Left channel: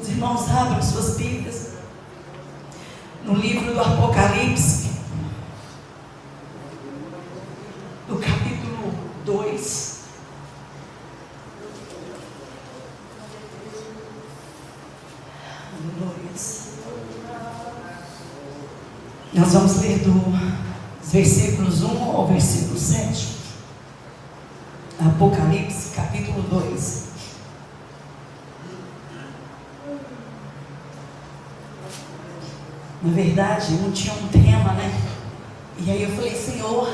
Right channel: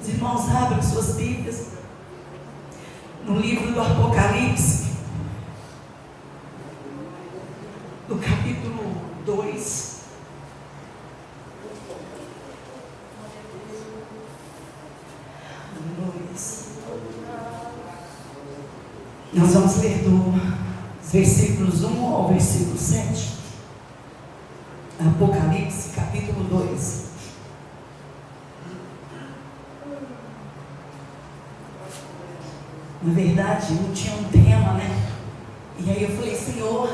Os irmãos abram suas Bíblias no livro do Apocalipse, no capítulo 2. Nós vamos ler dos versículos 1 ao versículo 7. Apocalipse, capítulo 2. Na verdade, não tinha um tema, né? E aí eu falei, Senhor,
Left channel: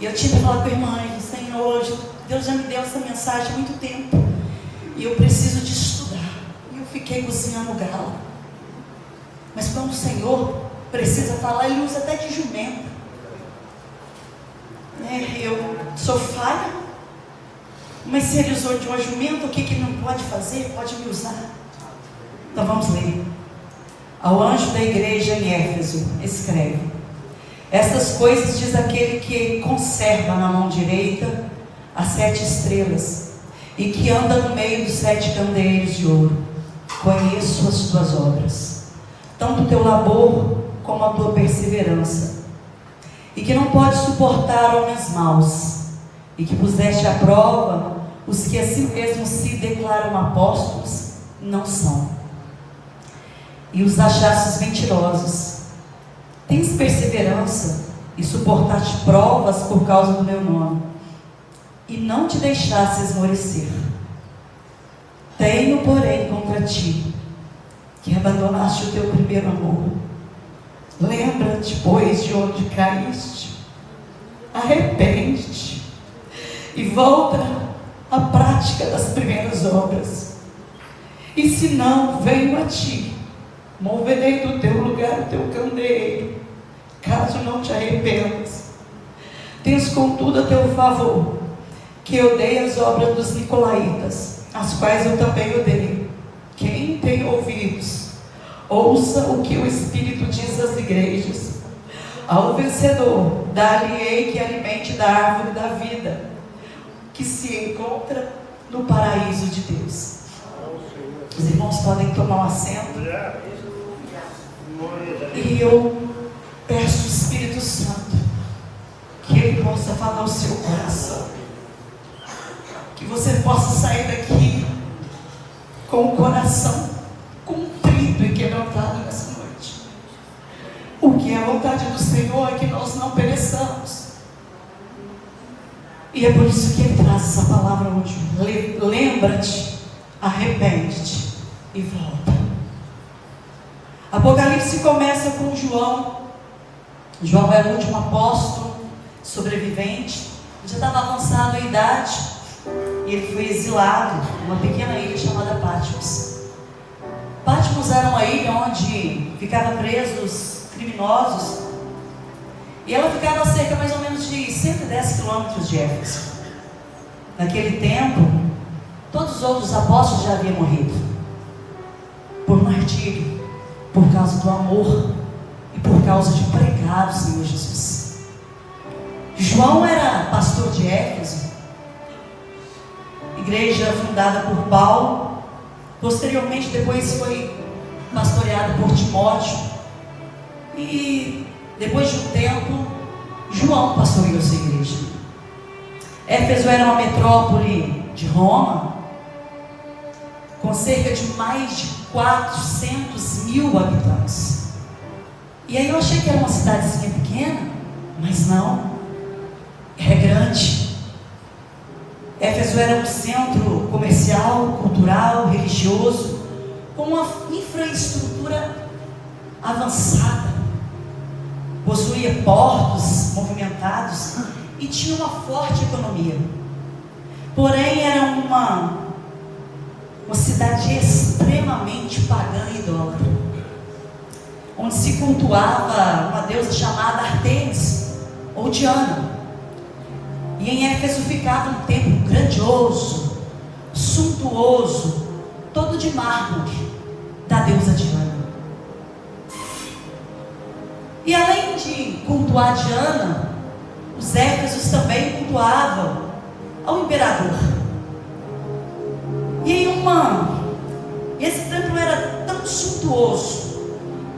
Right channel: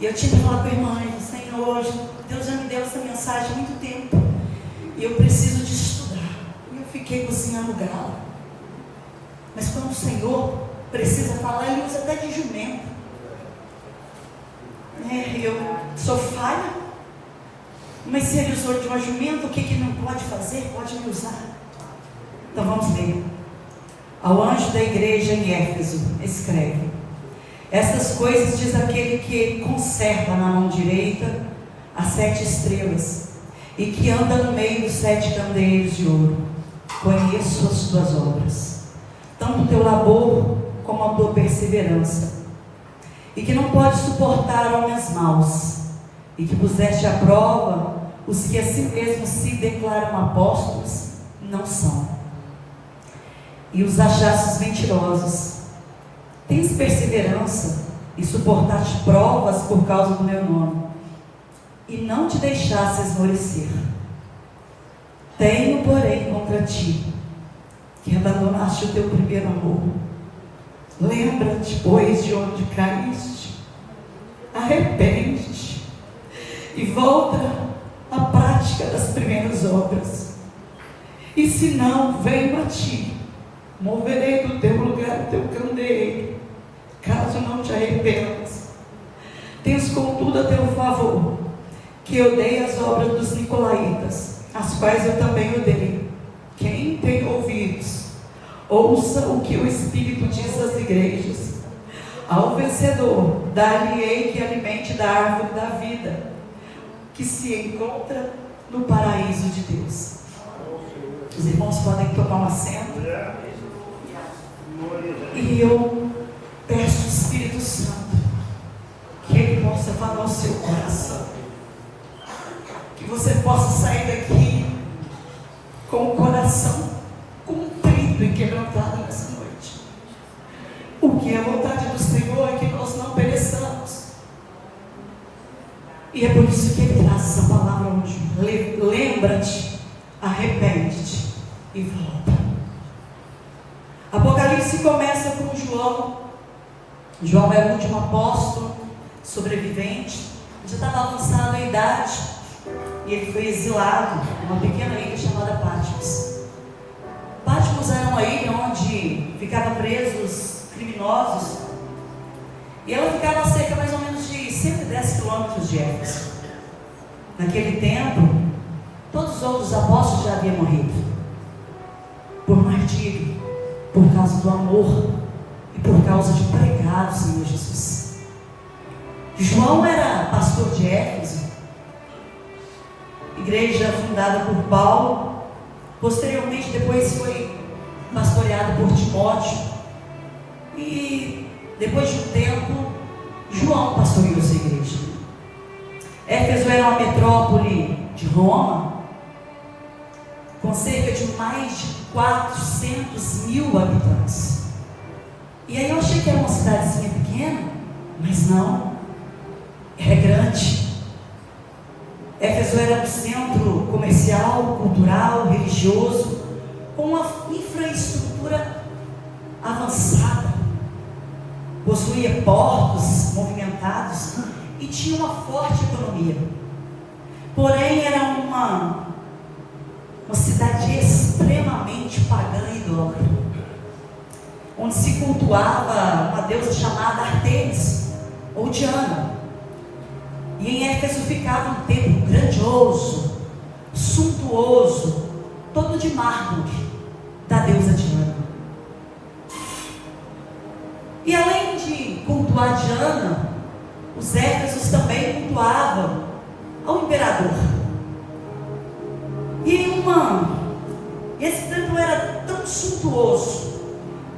e eu tinha que falar com a irmã, Senhor, Deus já me deu essa mensagem há muito tempo, e eu preciso de estudar. E eu fiquei cozinhando gala. Mas quando o Senhor precisa falar, Ele usa até de jumenta. Eu sou falha, mas se Ele usou de uma jumenta, o que Ele não pode fazer? Pode me usar. Então vamos ler. Ao anjo da igreja em Éfeso, escreve: estas coisas diz aquele que conserva na mão direita as 7 estrelas e que anda no meio dos 7 candeeiros de ouro. Conheço as tuas obras, tanto o teu labor como a tua perseverança, e que não podes suportar homens maus, e que puseste à prova os que a si mesmos se declaram apóstolos, não são, e os achastes mentirosos. Tens perseverança e suportaste provas por causa do meu nome, e não te deixaste esmorecer. Tenho, porém, contra ti que abandonaste o teu primeiro amor. Lembra-te, pois, de onde caíste, arrepende-te e volta à prática das primeiras obras. E se não, venho a ti, moverei do teu lugar o teu candeeiro, caso não te arrependas. Tens contudo a teu favor, que eu odeio as obras dos nicolaítas, as quais eu também odeio. Quem tem ouvidos, ouça o que o Espírito diz às igrejas. Ao vencedor, dar-lhe-ei que alimente da árvore da vida, que se encontra no paraíso de Deus. Os irmãos podem tomar um assento. E eu peço ao Espírito Santo que Ele possa falar ao seu coração, que você possa sair daqui com o coração contrito e quebrantado nessa noite. O que é a vontade do Senhor é que nós não pereçamos, e é por isso que Ele traz essa palavra hoje. Lembra-te, arrepende-te e volta. Apocalipse começa com João. João era o último apóstolo sobrevivente, já estava avançado em idade, e ele foi exilado em uma pequena ilha chamada Patmos. Patmos era uma ilha onde ficavam presos criminosos, e ela ficava a cerca mais ou menos de 110 quilômetros de Éfeso. Naquele tempo, todos os outros apóstolos já haviam morrido por martírio, por causa do amor e por causa de pregar o Senhor Jesus. João era pastor de Éfeso, igreja fundada por Paulo. Posteriormente, depois foi pastoreada por Timóteo, e depois de um tempo, João pastoreou essa igreja. Éfeso era uma metrópole de Roma, com cerca de mais de 400 mil habitantes. E aí eu achei que era uma cidadezinha pequena, mas não, era grande. Éfeso era um centro comercial, cultural, religioso, com uma infraestrutura avançada. Possuía portos movimentados e tinha uma forte economia. Porém, era uma cidade extremamente pagã e idólatra, onde se cultuava uma deusa chamada Artemis ou Diana. E em Éfeso ficava um templo grandioso, suntuoso, todo de mármore, da deusa Diana. E além de cultuar Diana, os éfesos também cultuavam ao imperador. E E esse templo era tão suntuoso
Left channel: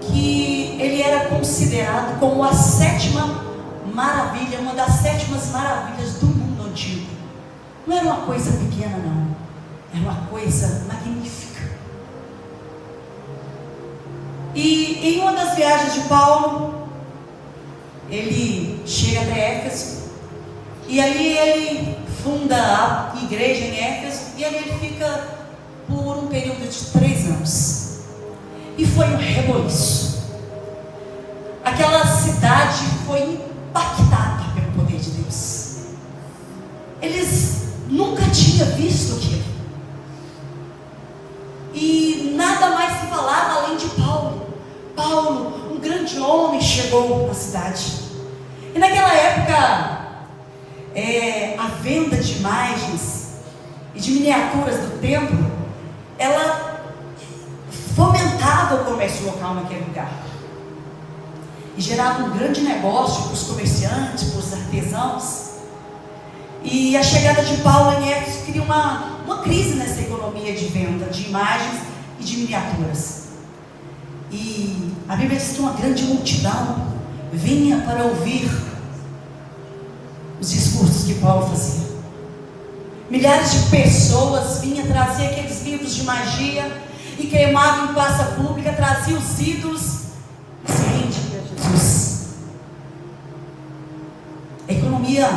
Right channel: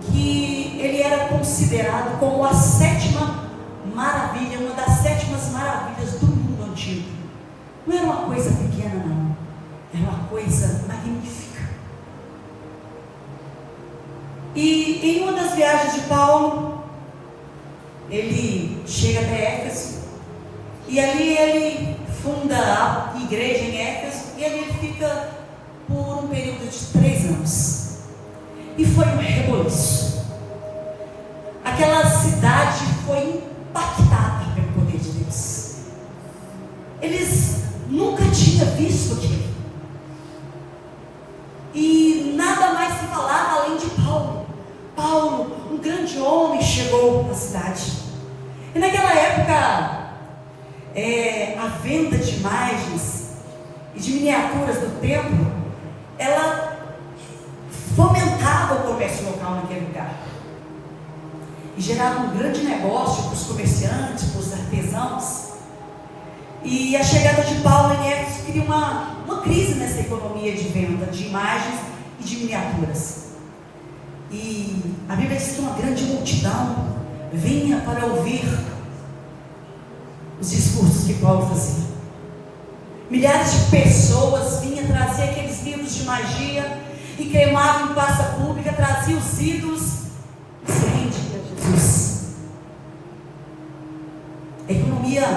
que ele era considerado como a sétima maravilha, uma das sétimas maravilhas do mundo antigo. Não era uma coisa pequena, não. Era uma coisa magnífica. E em uma das viagens de Paulo, ele chega até Éfeso, e ali ele funda a igreja em Éfeso, e ali ele fica por um período de 3 anos. E foi um reboliço. Aquela cidade foi impactada pelo poder de Deus. Eles nunca tinham visto aquilo. E nada mais se falava além de Paulo. Paulo, um grande homem, chegou na cidade. E naquela época, a venda de imagens e de miniaturas do templo, ela fomentava o comércio local naquele lugar. E gerava um grande negócio para os comerciantes, para os artesãos. E a chegada de Paulo em Éfeso cria uma crise nessa economia de venda de imagens e de miniaturas. E a Bíblia diz que uma grande multidão vinha para ouvir os discursos que Paulo fazia. Milhares de pessoas vinham trazer aqueles livros de magia e queimavam em praça pública, traziam os ídolos e se rendiam a Jesus. A economia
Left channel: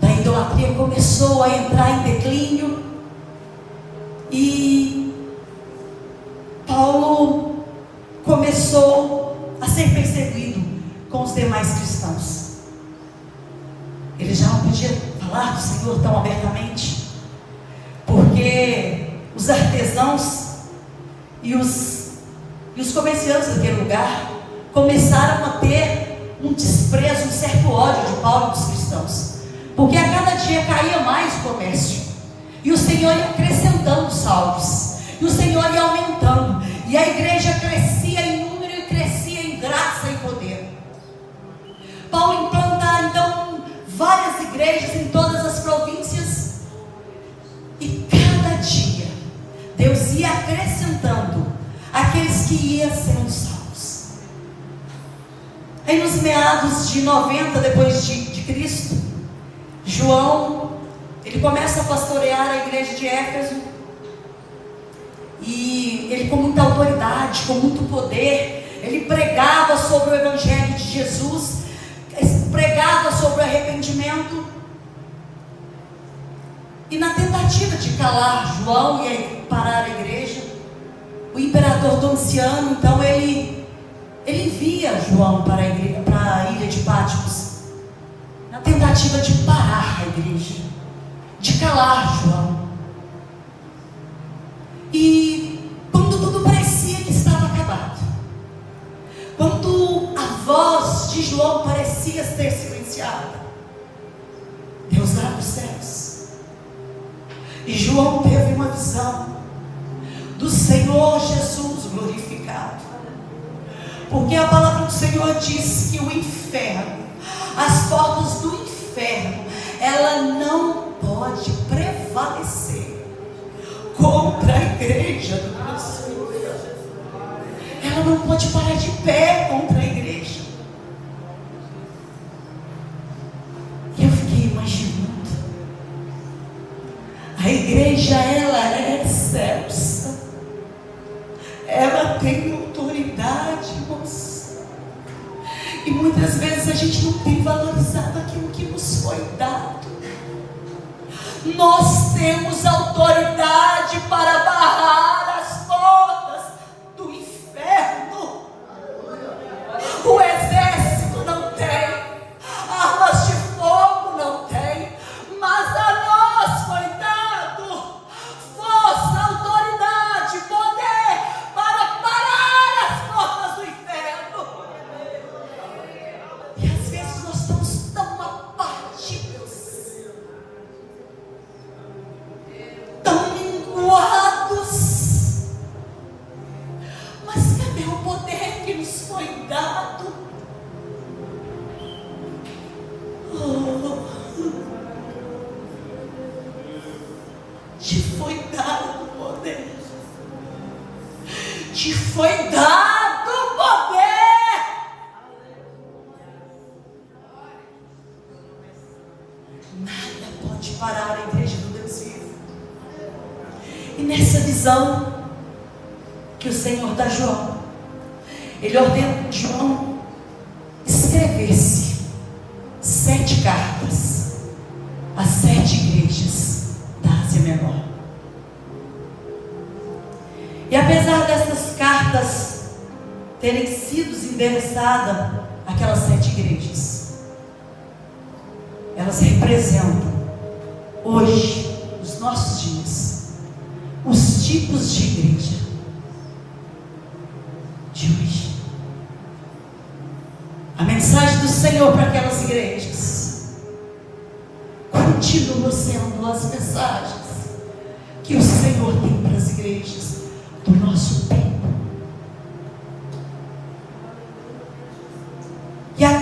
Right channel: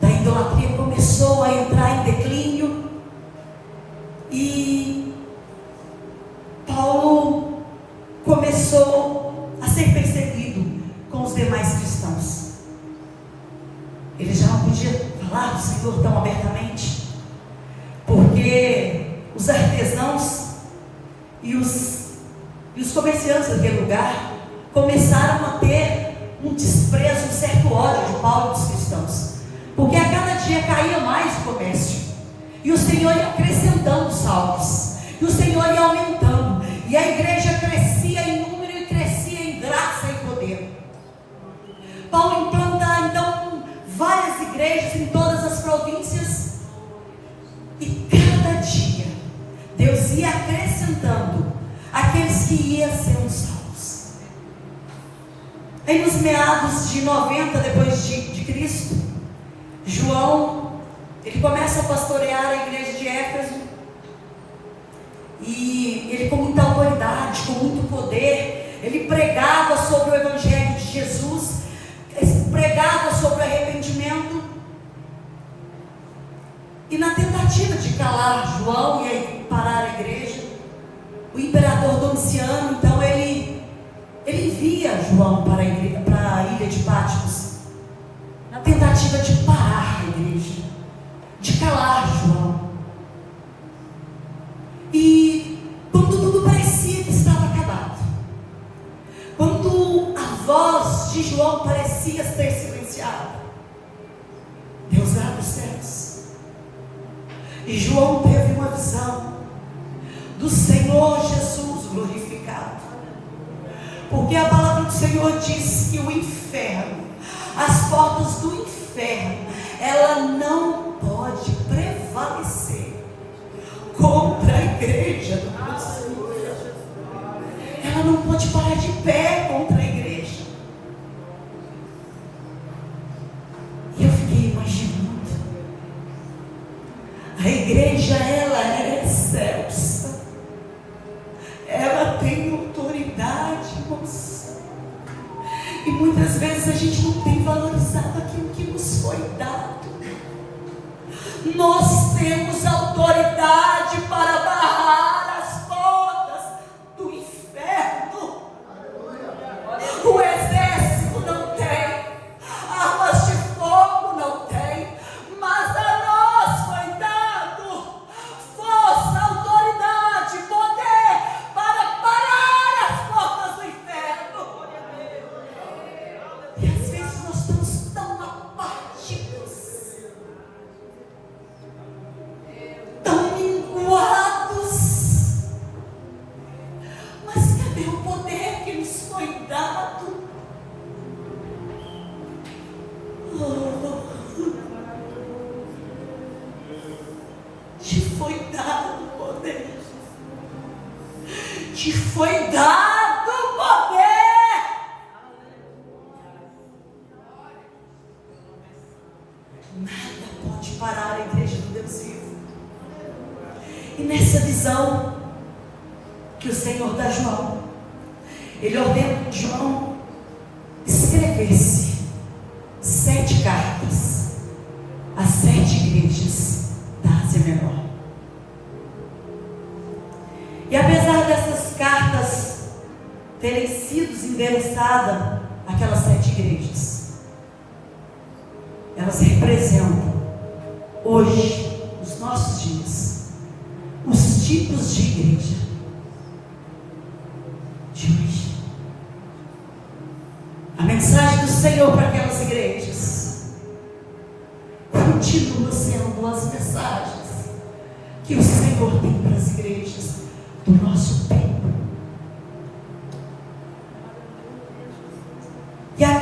da idolatria começou a entrar em declínio e Paulo começou a ser perseguido com os demais cristãos. Ele já não podia falar do Senhor tão abertamente, porque os artesãos e os comerciantes daquele lugar começaram a ter um desprezo, um certo ódio de Paulo e dos cristãos, porque a cada dia caía mais o comércio, e o Senhor ia acrescentando salvos, e o Senhor ia aumentando, e a igreja crescia em número e crescia em graça e poder. Paulo implanta então várias igrejas em todas as províncias, e cada dia Deus ia acrescentando aqueles que iam sendo salvos. Aí nos meados de 90 depois de Cristo, João, ele começa a pastorear a igreja de Éfeso, e ele com muita autoridade, com muito poder, ele pregava sobre o evangelho de Jesus, pregava sobre o arrependimento, e na tentativa de calar João e parar a igreja, o imperador Domiciano, então ele envia João para a ilha de Patmos, na tentativa de parar a igreja, de calar João. E quando tudo parecia que estava acabado, quando a voz de João parecia ter silenciado, Deus abre os céus, e João teve uma visão do Senhor Jesus glorificado, porque a palavra do Senhor diz que o inferno, as portas do inferno, ela não pode prevalecer contra a igreja do Deus. Ela não pode parar de pé contra a igreja. E eu fiquei imaginando, a igreja, ela é excelsa, ela tem autoridade, irmãos, e muitas vezes a gente não tem valorizado aquilo que nos foi dado. Nós temos autoridade para barrar as portas do inferno. O exército não tem, armas de fogo não tem, mas a nós foi dado força, autoridade, poder para parar as portas do inferno. E às vezes nós estamos tão abatidos, tão minguados, mas cadê o poder que nos foi dado? Te foi dado o poder. te foi dado poder. Nada pode parar a igreja do Deus vivo. E nessa visão que o Senhor dá a João, Ele ordena que João escrevesse 7 cartas às 7 igrejas da Ásia Menor. E apesar dessas cartas terem sido endereçadas àquelas 7 igrejas, elas representam hoje, nos nossos dias, os tipos de igreja de hoje. A mensagem do Senhor para aquelas igrejas continua sendo as mensagens que o Senhor tem para as igrejas do nosso tempo. E a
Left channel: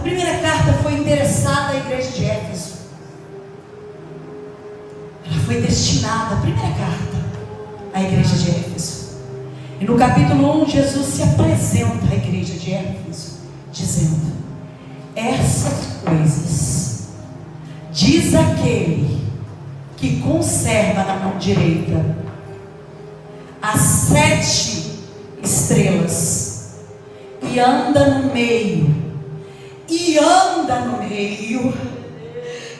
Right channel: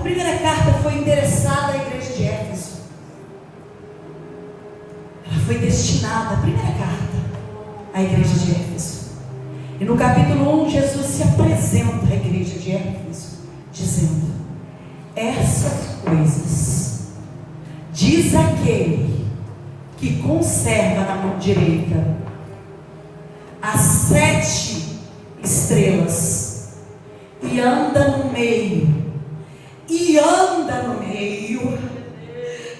primeira carta foi endereçada à igreja de Éfeso. Ela foi destinada, a primeira carta, à igreja de Éfeso. E no capítulo 1, Jesus se apresenta à igreja de Éfeso, dizendo: essas coisas diz aquele que conserva na mão direita as 7 estrelas e anda no meio, e anda no meio,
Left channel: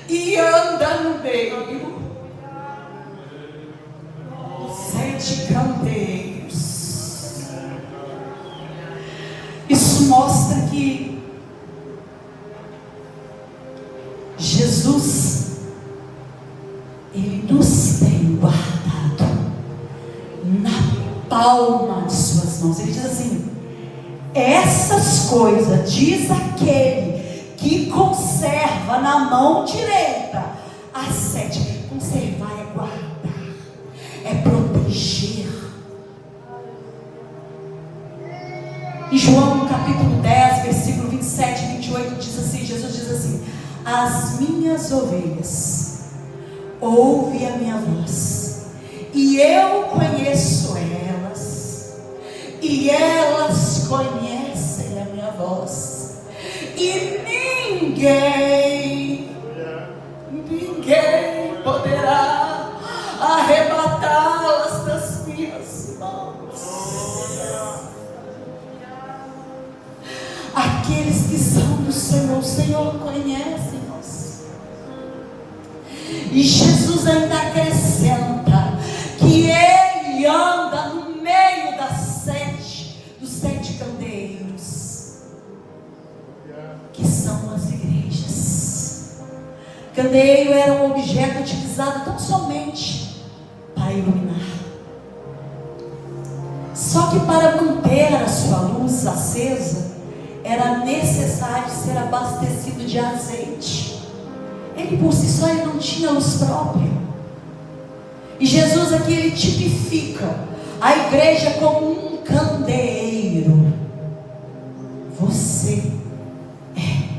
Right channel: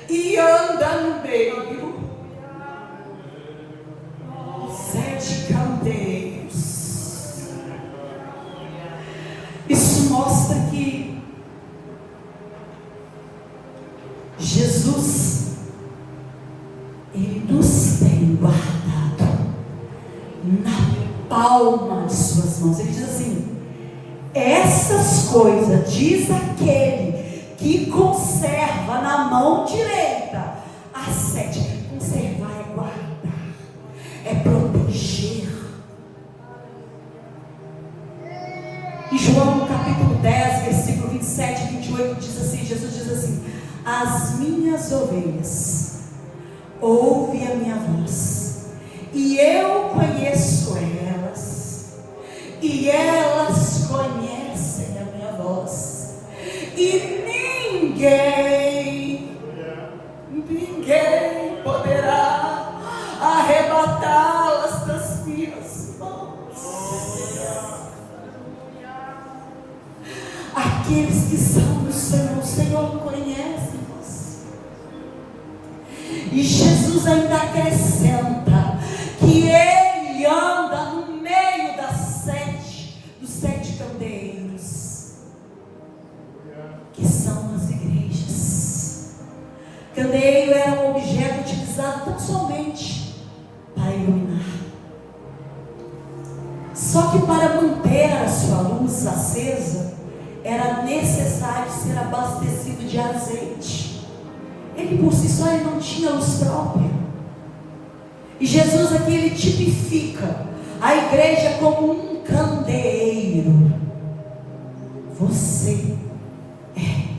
e anda no meio, 7 candeiros. Isso mostra que Jesus, Ele nos tem guardado na palma de suas mãos. Ele diz assim: essas coisas diz aquele que conserva na mão direita as 7. Conservar é guardar, é proteger. Em João, no capítulo 10, versículo 27 e 28, diz assim, Jesus diz assim: as minhas ovelhas ouvem a minha voz, e eu conheço elas, e elas conhecem a minha voz, e ninguém poderá arrebatá-las das minhas mãos. Aqueles que são do Senhor, o Senhor conhece-nos. E Jesus ainda acrescenta que Ele anda no meio dos 7 candeiros, que são as igrejas. Candeeiro era um objeto utilizado tão somente para iluminar. Só que para manter a sua luz acesa, era necessário ser abastecido de azeite. Ele por si só ele não tinha luz própria. E Jesus aqui ele tipifica a igreja como um candeeiro. Você é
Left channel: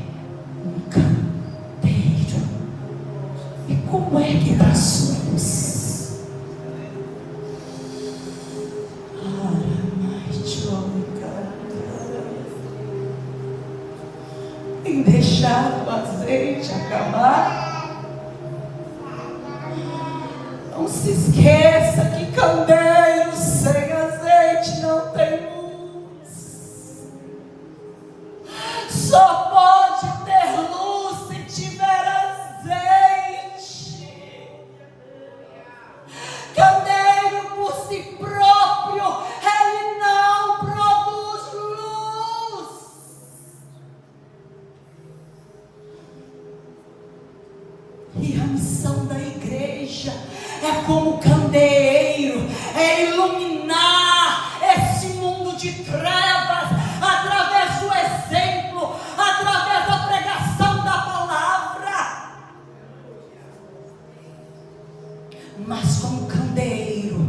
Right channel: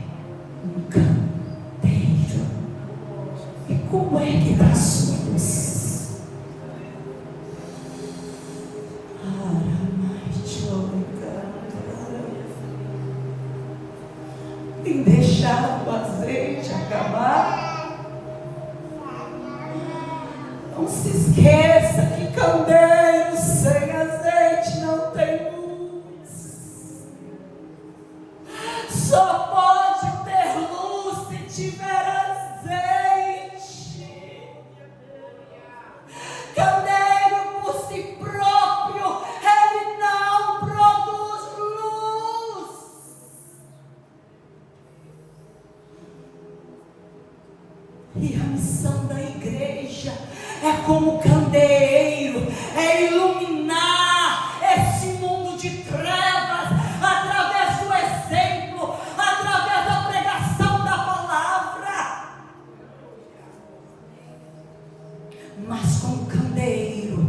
um candeeiro. E como é que está a sua luz? Em deixar o azeite acabar. Não se esqueça que candeeiro sem azeite não tem luz. Só pode ter luz se tiver azeite. Candeeiro por si próprio, ele não produz luz. E a missão da igreja é como candeeiro, é iluminar esse mundo de trevas através do exemplo, através da pregação da palavra. Mas como candeeiro,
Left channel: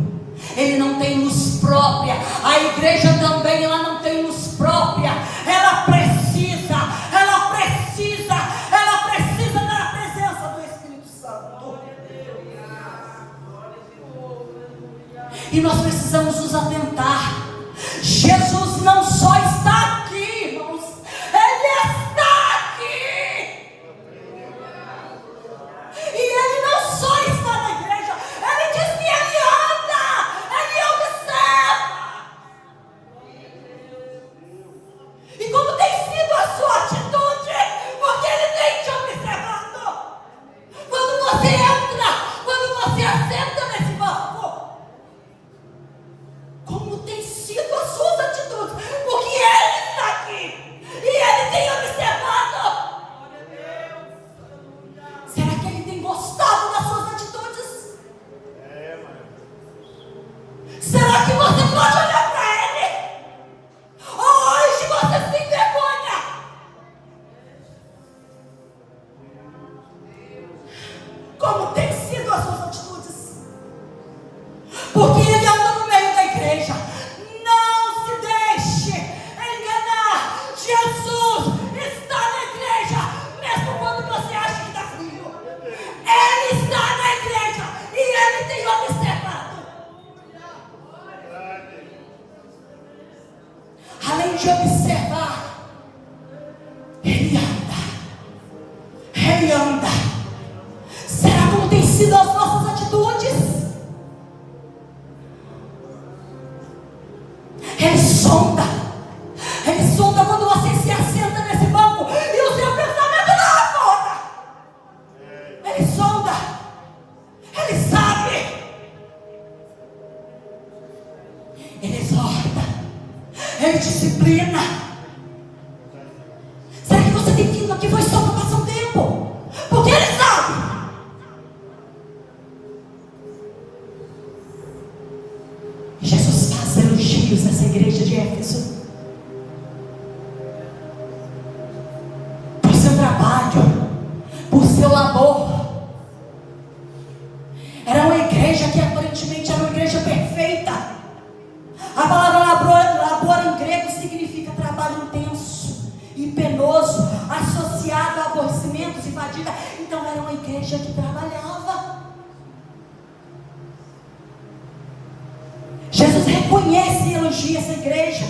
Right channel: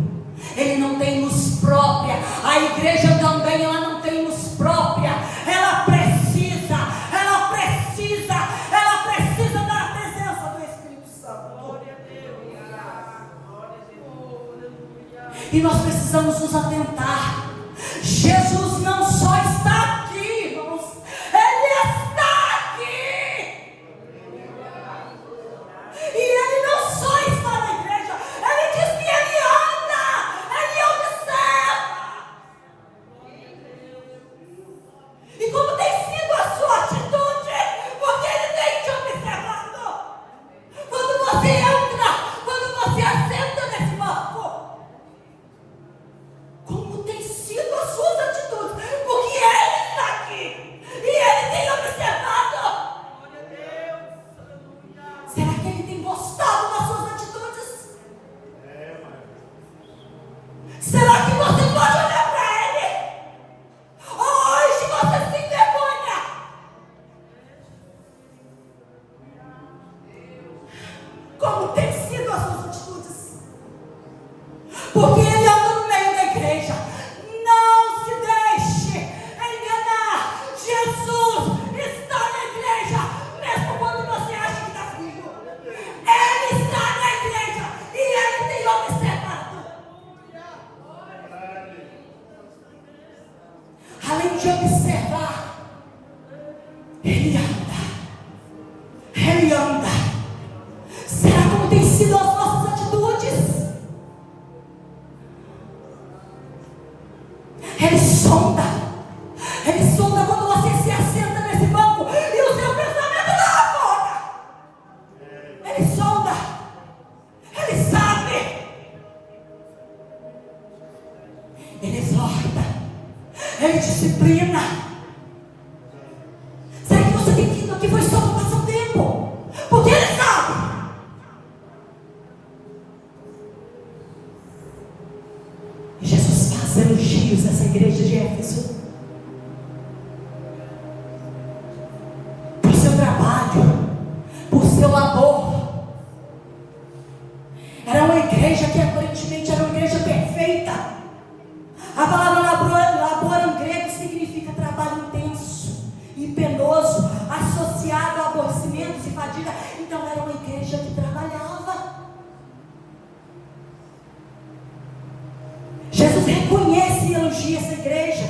ele não tem luz própria. A igreja também ela não tem luz própria. Ela precisa da presença do Espírito Santo. E nós precisamos nos atentar. Jesus não só está aqui, irmãos, Ele está aqui. E Ele não só está na igreja, Ele diz que Ele anda, Ele observa. E como tem sido a sua atitude? Porque Ele tem te observado. Quando você entra, quando você assenta nesse banco, como tem sido as suas atitudes? Porque Ele está aqui e Ele tem observado. Será que Ele tem gostado das suas atitudes? Será que você pode olhar para Ele? Hoje você se envergonha. Como tem sido as suas atitudes? Porque Ele anda no meio da igreja. Não se deixe enganar. Jesus está na igreja, mesmo quando você acha que está frio. Ele está na igreja e Ele tem observado. Além de observar, Ele anda. Ele anda. Será como tem sido as nossas atitudes? Ele sonda. Ele sonda quando você se assenta nesse banco e o seu pensamento não é fora. Ele sonda. Ele sabe. Ele exorta. Ele disciplina. Será que você tem vindo aqui foi só para passar o tempo? Porque Ele sabe. Jesus faz elogios nessa igreja de Éfeso por seu trabalho, por seu labor. Era uma igreja que aparentemente era uma igreja perfeita. A palavra labor em grego significa trabalho intenso e penoso, associado a aborrecimentos e fadiga. Então era uma igreja que trabalhava. Jesus reconhece e elogia essa igreja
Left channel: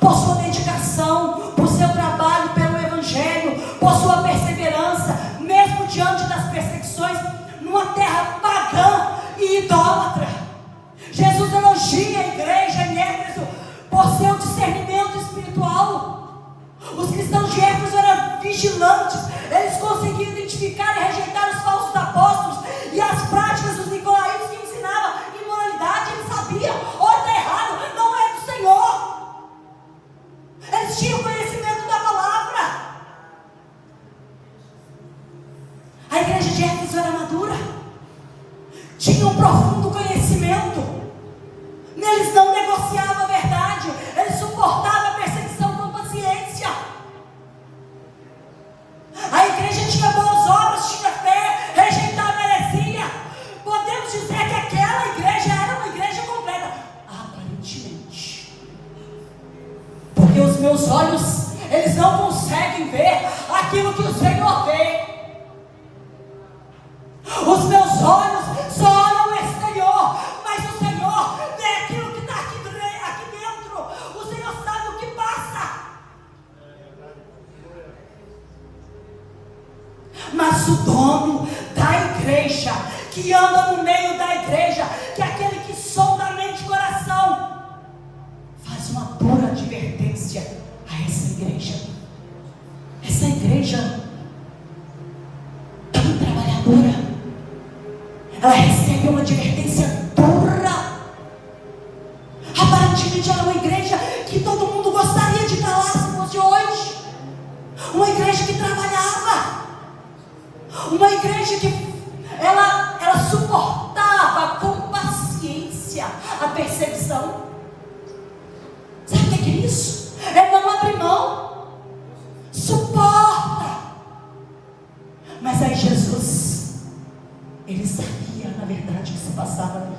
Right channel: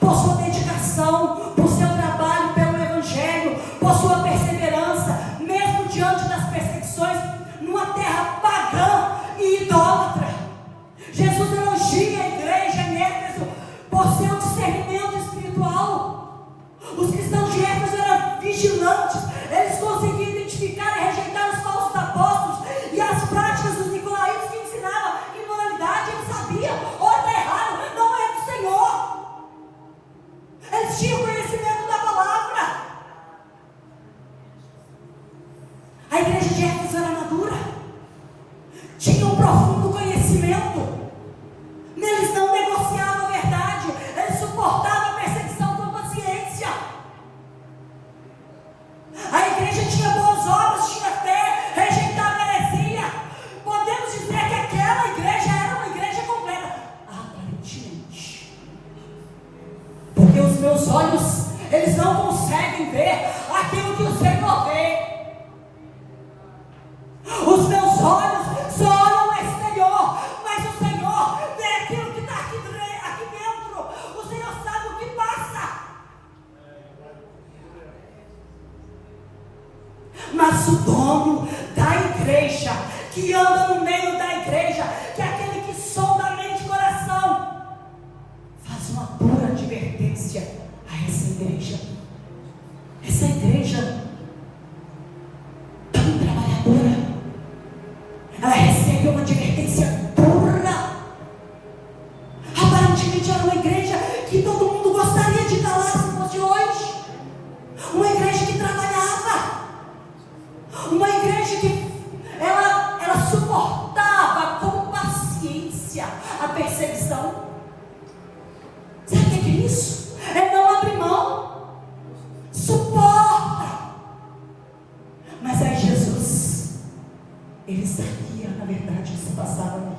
por sua dedicação, por seu trabalho pelo Evangelho, por sua perseverança, mesmo diante das perseguições, numa terra pagã e idólatra. Jesus elogia a igreja em Éfeso por seu discernimento espiritual. Os cristãos de Éfeso eram vigilantes, eles conseguiam identificar e rejeitar os falsos apóstolos e as práticas dos nicolaítas que ensinavam imoralidade. Eles sabiam, ou está errado, não é do Senhor. Eles tinham conhecimento da palavra. A igreja de Éfeso era madura, tinha um profundo conhecimento. Eles não negociavam a verdade, eles suportavam a perseguição com paciência. A igreja tinha boas obras, tinha fé, rejeitava a heresia. Podemos dizer que aquela igreja era uma igreja completa, aparentemente, porque os meus olhos, eles não conseguem ver aquilo que o Senhor vê. Os meus olhos só olham o exterior, mas o Senhor vê aquilo que está aqui dentro. O Senhor sabe o que passa. Mas o dono da igreja, que anda no meio da igreja, que é aquele que sonda a mente e coração, faz uma dura advertência a essa igreja. Essa igreja tão trabalhadora, ela recebe uma advertência dura. Aparentemente era uma igreja que todo mundo gostaria de estar lá se fosse hoje. Uma igreja que trabalhava. Uma igreja que ela suportava com paciência a perseguição. Sabe o que é isso? É não abrir mão. Suporta. Mas aí Jesus, Ele sabia, na verdade, o que se passava ali.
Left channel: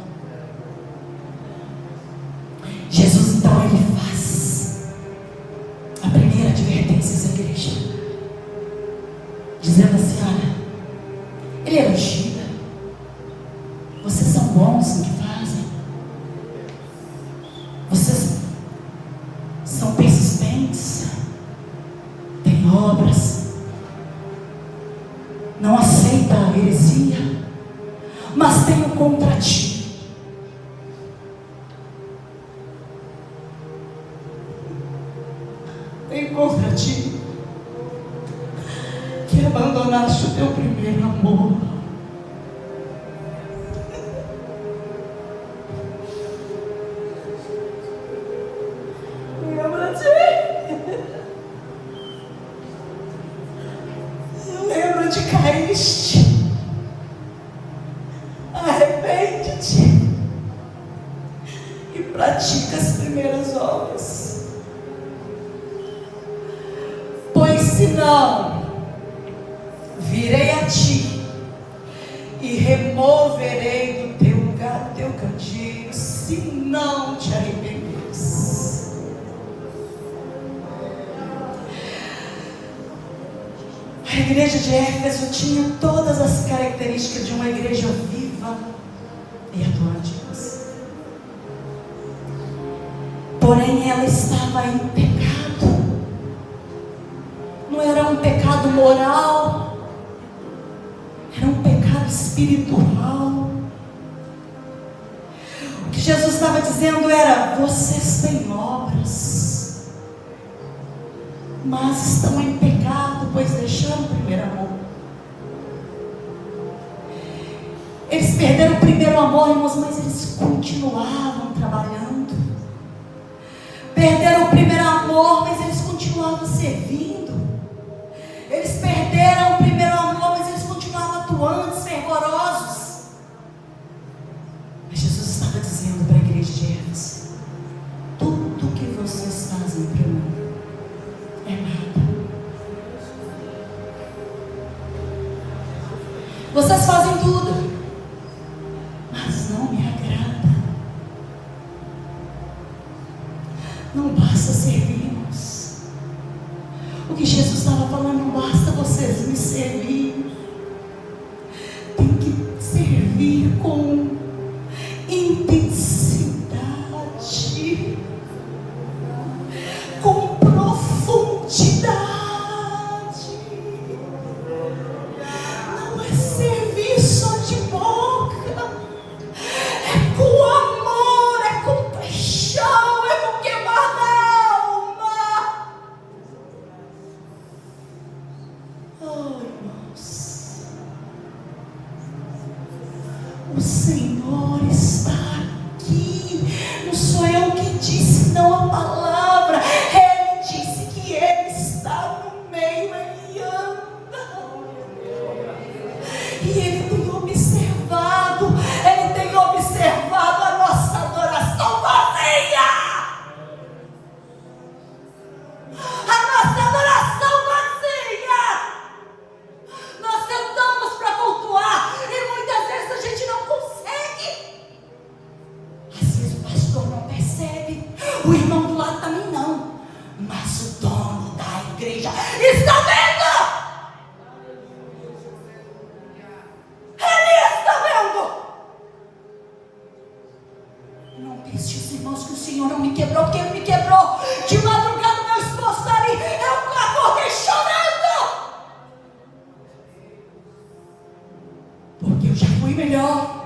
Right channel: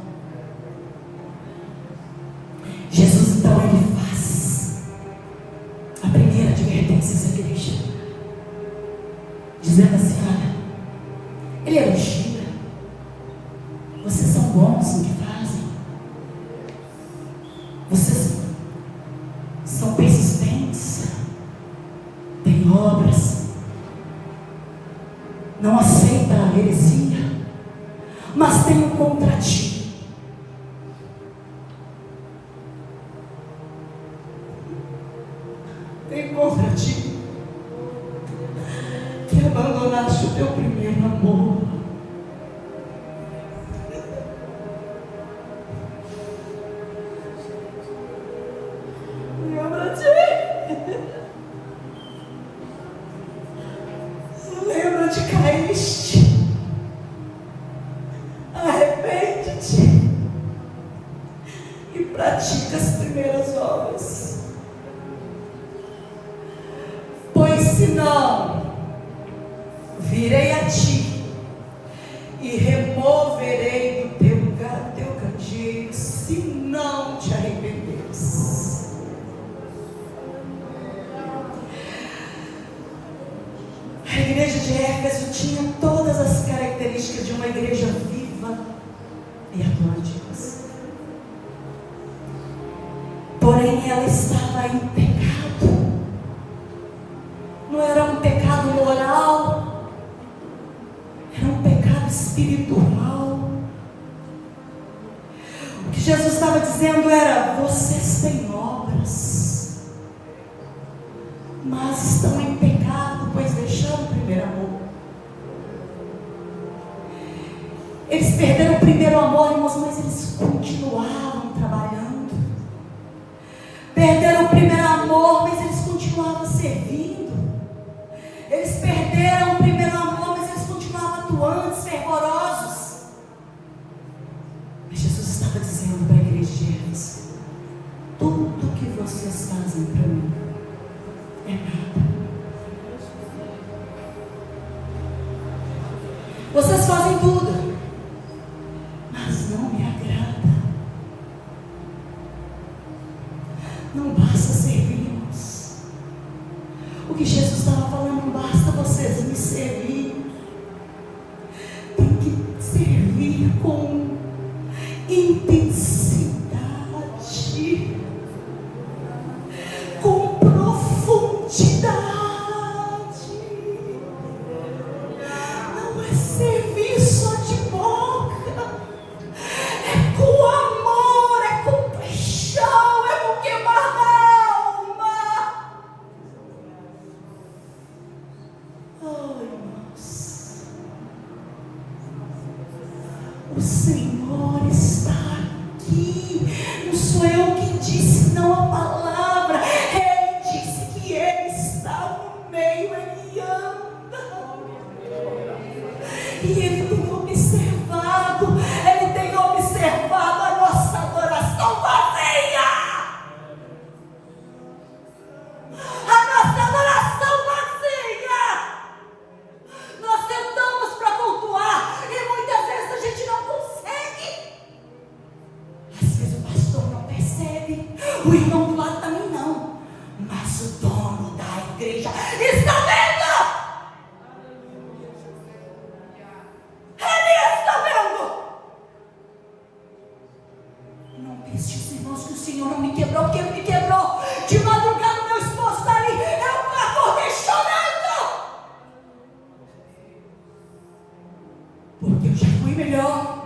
Jesus, então, Ele faz a primeira advertência a essa igreja, dizendo assim: olha, Ele elogia, vocês são bons no que fazem, persistentes, têm obras, não aceita a heresia, mas tenho contra ti que abandonaste o teu primeiro amor. Lembra de caíste, arrepende-te e pratica as primeiras obras, pois senão virei a ti e removerei do teu lugar o teu candeeiro, se não te arrependeres. A igreja de Éfeso tinha todas as características de uma igreja viva e atuante. Porém, ela estava em pecado. Não era um pecado moral, era um pecado espiritual. O que Jesus estava dizendo era: vocês têm obras, mas estão em pecado, pois deixaram o primeiro amor. Eles perderam o primeiro amor, irmãos, mas eles continuavam trabalhando. Perderam o primeiro amor, mas eles continuavam servindo. Eles perderam o primeiro amor, mas eles continuavam atuantes, fervorosos. Mas Jesus estava dizendo para a igreja de Éfeso: tudo que vocês fazem para mim é nada. Vocês fazem tudo, mas não me agrada. Não basta servirmos. O que Jesus estava falando: não basta vocês me servir, tem que servir com intensidade, com profundidade. Não é servir só de boca, é com amor, é com paixão, é com queimar na alma. Oh, irmãos, o Senhor está aqui. Não sou eu que disse, não a palavra. Ele disse que Ele está no meio, Ele anda. E Ele tem observado a nossa adoração vazia. A nossa adoração vazia. Nós sentamos para cultuar e muitas vezes a gente não consegue. Às vezes o pastor não percebe, o irmão do lado também não, mas o dono da igreja está vendo. Ele está vendo. Não pense, os irmãos, que o Senhor não me quebrou, porque Ele me quebrou. De madrugada meu esposo está ali, eu acordei chorando, porque eu já fui melhor.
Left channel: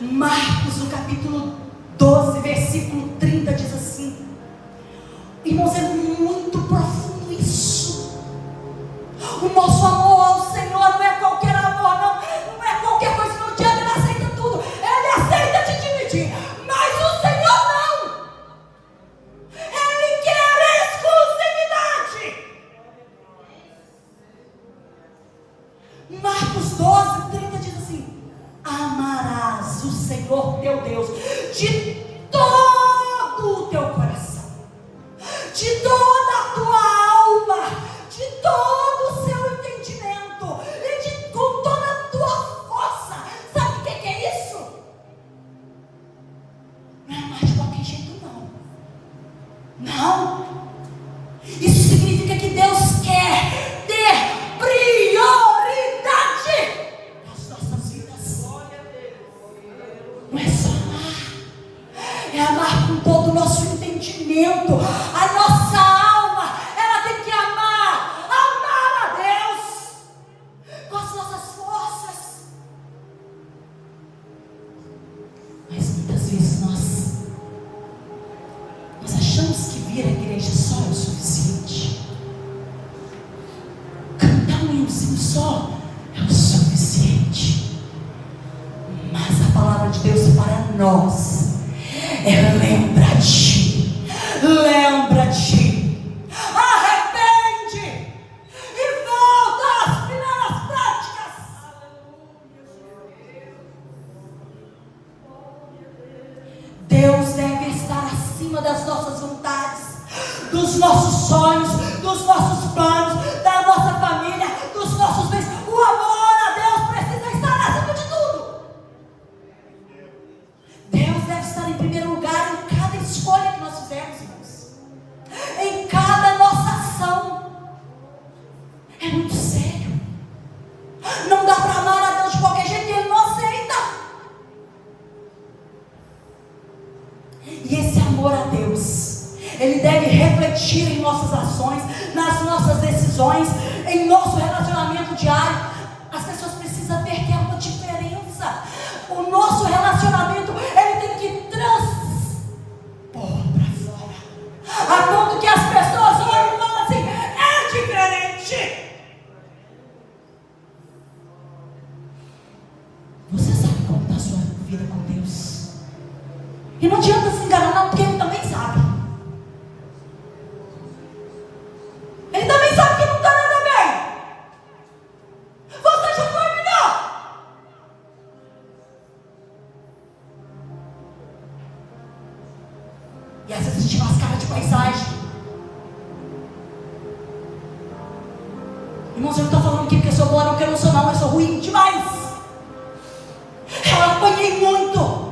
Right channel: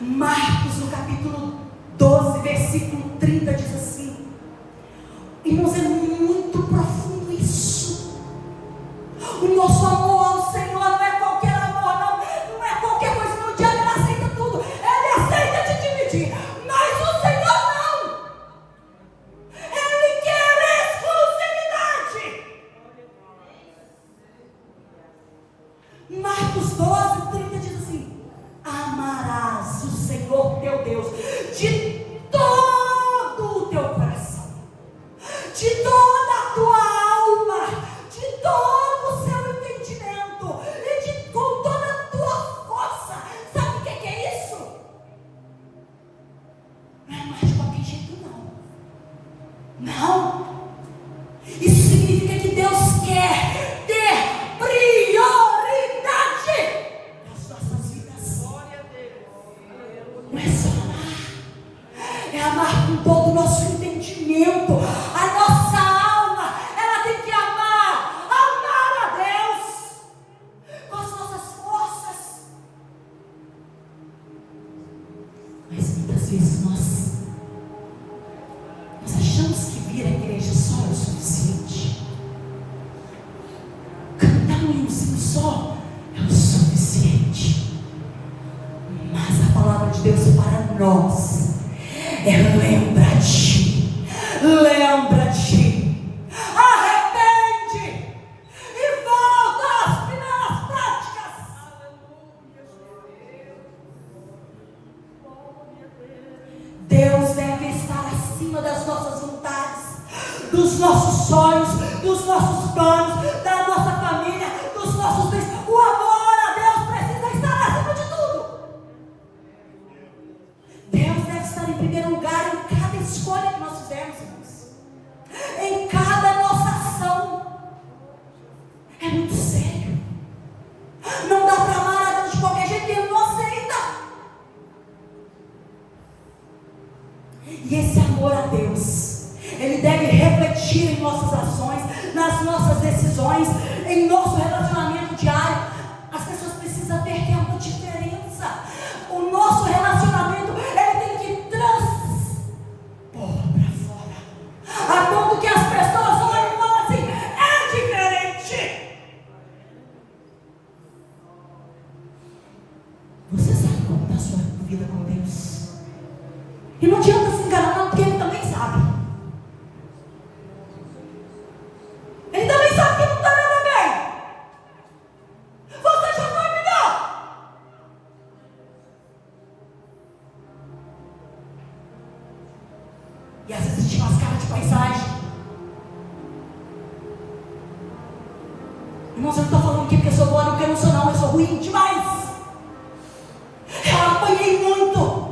Marcos, no capítulo 12, versículo 30, diz assim: irmãos, é muito profundo isso. O nosso amor ao Senhor não é qualquer amor, não é qualquer coisa. No diabo Ele aceita tudo, Ele aceita te dividir, mas o Senhor não. Ele quer exclusividade. Marcos 12, 30 diz assim: amarás o Senhor teu Deus de todo o teu coração, de toda a tua alma, de todo o seu entendimento e com toda a tua força. Sabe o que é isso? Não é mais de qualquer jeito, não. Isso significa que Deus quer ter prioridade nas nossas vidas. Não é só amar, é amar entendimento. A nossa alma, ela tem que amar a Deus com as nossas forças. Mas muitas vezes nós achamos que vir à igreja só é o suficiente. Cantar um hinozinho só é o suficiente. Mas a palavra de Deus para nós é: lembra-te, lembra-te, arrepende e volta às primeiras práticas. Deus deve estar acima das nossas vontades, dos nossos sonhos, dos nossos planos, da nossa família, dos nossos bens. O amor a Deus precisa estar acima de tudo. Deus deve estar em primeiro lugar em cada escolha que nós fizermos, irmãos, em cada nossa ação. É muito sério. Não dá para amar a Deus de qualquer jeito, Ele não aceita. E esse amor a Deus, ele deve refletir em nossas ações, nas nossas decisões, em nosso relacionamento diário. As pessoas precisam ver que é uma diferença. O nosso relacionamento, ele tem que transpor para fora, a ponto que as pessoas olham e falam assim: é diferente. Você sabe como está a sua vida com Deus? E não adianta se enganar, não, porque Ele também sabe. Ele também sabe que não está nada bem. Você já terminou. E às vezes a gente faz cara de paisagem. Irmãos, eu não estou falando aqui porque eu sou boa, não, que eu não sou, não. Eu sou ruim demais. Eu apanhei muito.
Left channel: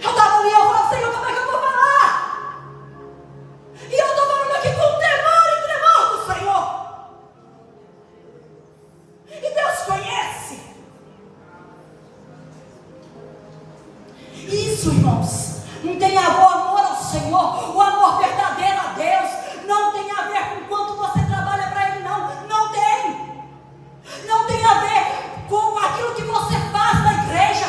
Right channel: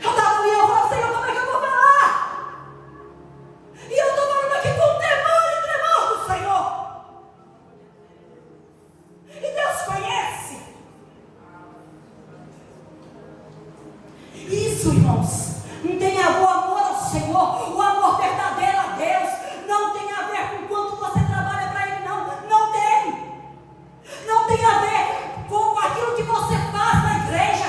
Eu estava ali, eu falava: Senhor, como é que eu vou falar? E eu estou falando aqui com temor e tremor do Senhor. E Deus conhece. Isso, irmãos, não tem a ver o amor ao Senhor, o amor verdadeiro a Deus. Não tem a ver com quanto você trabalha para Ele, não. Não tem. Não tem a ver com aquilo que você faz na igreja.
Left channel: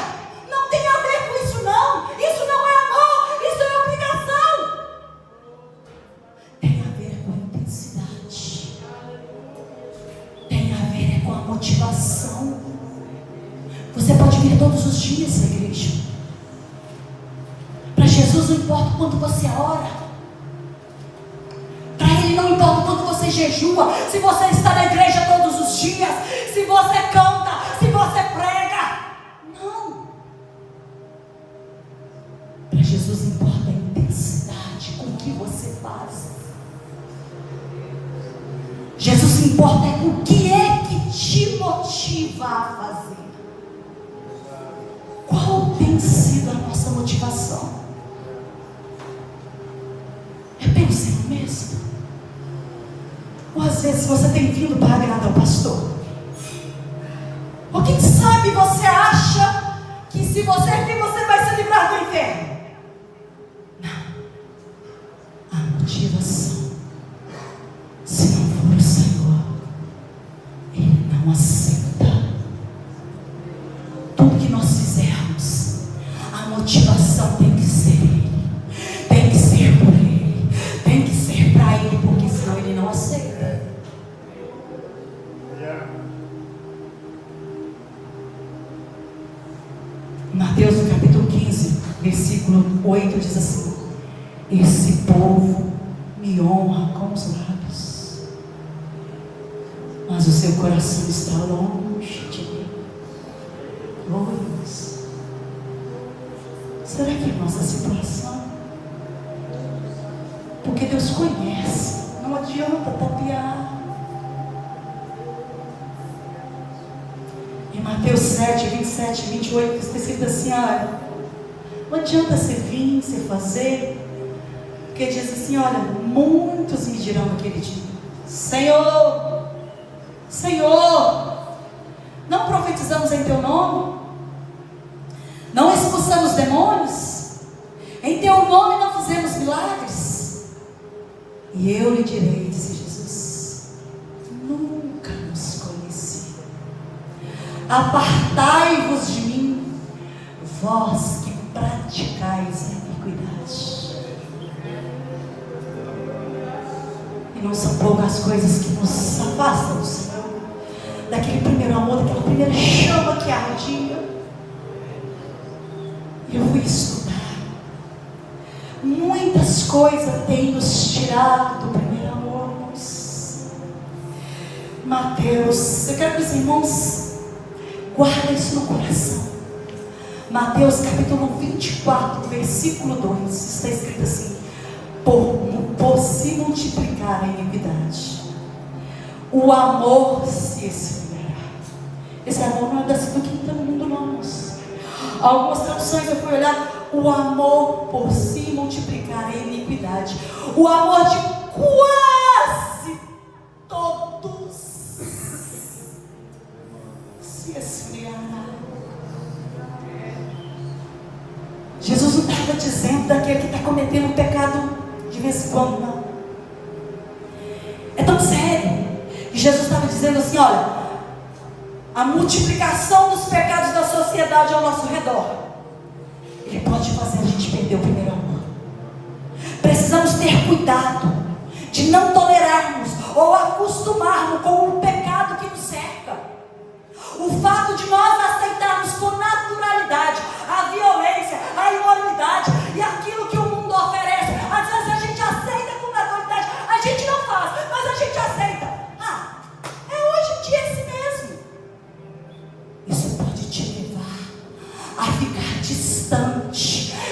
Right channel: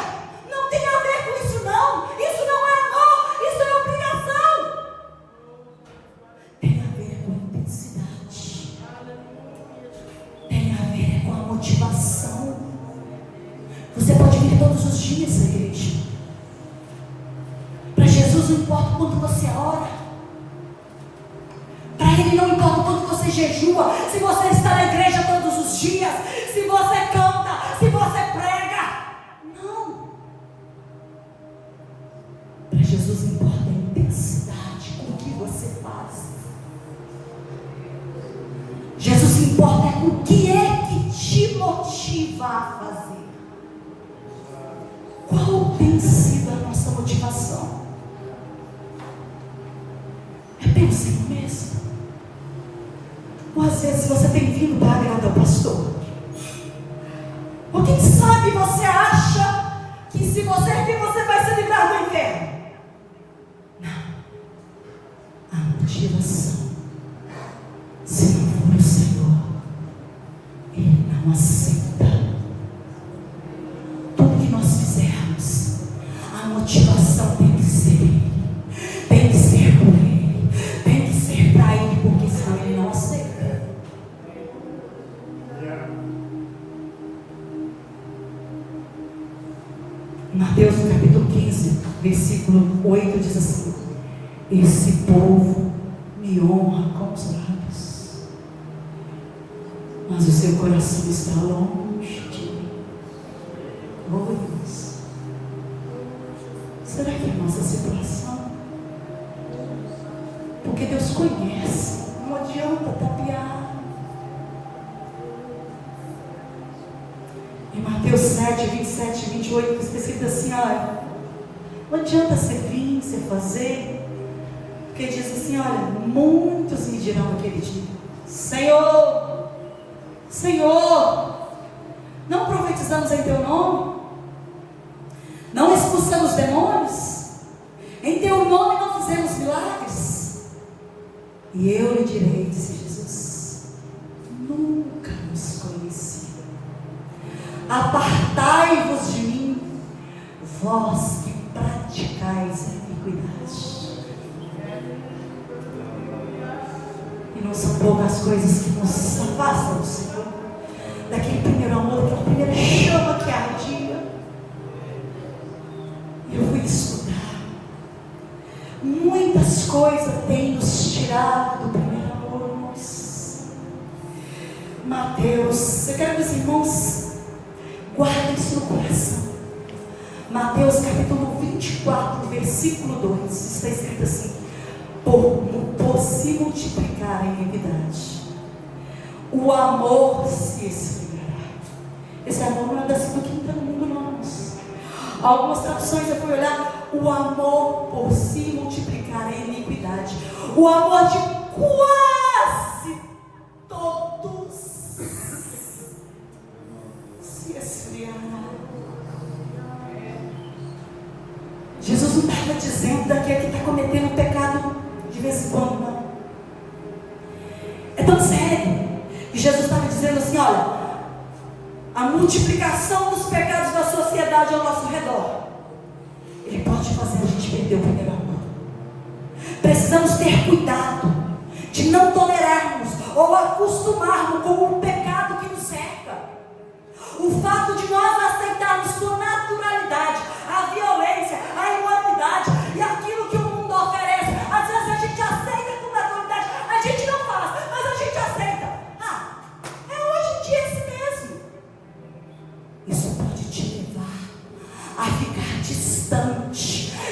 Não tem a ver com isso, não. Isso não é amor, isso é obrigação. Tem a ver com a intensidade. Tem a ver com a motivação. Você pode vir todos os dias à igreja. Para Jesus não importa quanto você ora. Para Ele não importa quanto você jejua. Se você está na igreja todos os dias, se você canta, se você prega. Não. Para Jesus importa a intensidade com que você faz. Jesus se importa com o que é que te motiva a fazer. Qual tem sido a nossa motivação? É pelo Senhor mesmo? Ou às vezes você tem vindo para agradar o pastor? Ou quem sabe você acha que se você vir, você vai se livrar do inferno? Não. A motivação, se não for o Senhor, Ele não aceita. Tudo que nós fizermos, a motivação tem que ser Ele. Tem que ser por Ele. Tem que ser para Ele, porque senão Ele não aceita. Mateus no capítulo 15, versículo 8 diz assim: esse povo me honra com os lábios, mas o seu coração está longe de mim. Oh Deus, será que é a nossa situação? Porque Deus conhece, não adianta tapear. Em Mateus 7, 27 e 28 está escrito assim: olha, não adianta você vir, você fazer, porque diz assim: olha, muitos me dirão naquele dia: Senhor, Senhor, não profetizamos em teu nome? Não expulsamos demônios? Em teu nome não fizemos milagres? E eu lhe direi, disse Jesus, nunca nos conheci. Apartai-vos de mim, vós que praticais a iniquidade. E não são poucas coisas que nos afastam do Senhor, daquele primeiro amor, daquela primeira chama que ardia. Eu fui estudar. Muitas coisas têm nos tirado do primeiro amor. Mateus, eu quero que os irmãos guardem isso no coração. Mateus capítulo 24, versículo 2, está escrito assim: por se multiplicar a iniquidade, o amor se esfriará. Esse amor não é da quinta no mundo, não, irmãos. Algumas traduções eu fui olhar: o amor por se multiplicar a iniquidade, o amor de quase todos se esfriará. Jesus não estava dizendo daquele que está cometendo um pecado de vez em quando, não. É tão sério que Jesus estava dizendo assim: olha, a multiplicação dos pecados da sociedade ao nosso redor, ele pode fazer a gente perder o primeiro amor. Precisamos ter cuidado de não tolerarmos ou acostumarmos com o pecado que nos cerca. O fato de nós aceitarmos com naturalidade a violência, a imoralidade e aquilo que o mundo oferece, às vezes a gente aceita com naturalidade, a gente não faz, mas a gente aceita. É hoje em dia esse mesmo. Isso pode te levar a ficar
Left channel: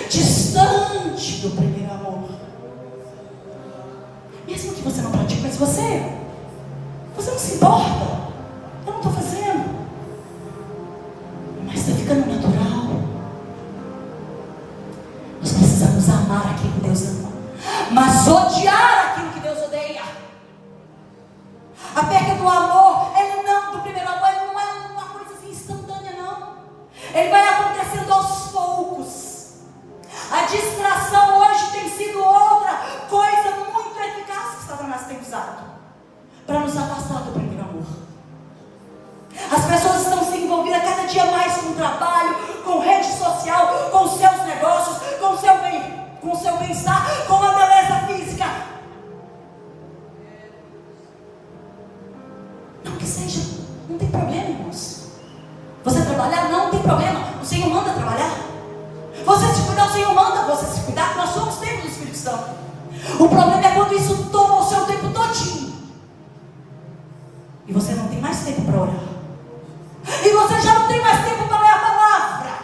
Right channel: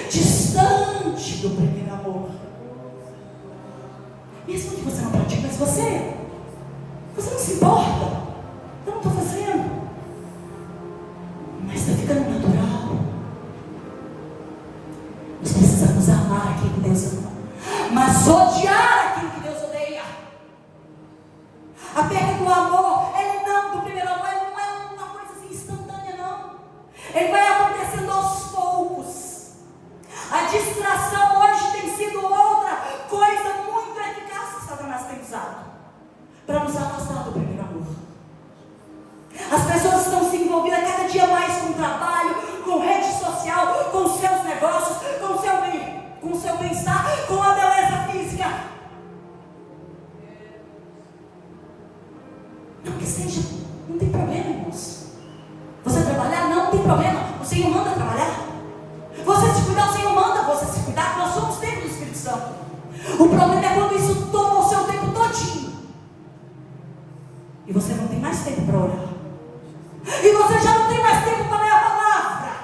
distante do primeiro amor. Mesmo que você não pratique, mas você não se importa. Eu não estou fazendo, mas está ficando natural. Nós precisamos amar aquilo que Deus ama, mas odiar aquilo que Deus odeia. A perda do amor, do primeiro amor, ele não é uma coisa assim instantânea, não. Ele vai acontecendo aos poucos. A distração hoje tem sido outra coisa muito eficaz que Satanás tem usado para nos afastar do primeiro amor. As pessoas estão se envolvidas cada dia mais com o trabalho, com rede social, com os seus negócios, com o seu bem-estar, com a beleza física. Não que seja, não tem problema, irmãos. Você trabalhar, não tem problema. O Senhor manda trabalhar. Você se cuidar, o Senhor manda você se cuidar. Nós somos templo do Espírito Santo. O problema é quando isso toma o seu tempo todinho e você não tem mais tempo para orar, e você já não tem mais tempo para ler a palavra,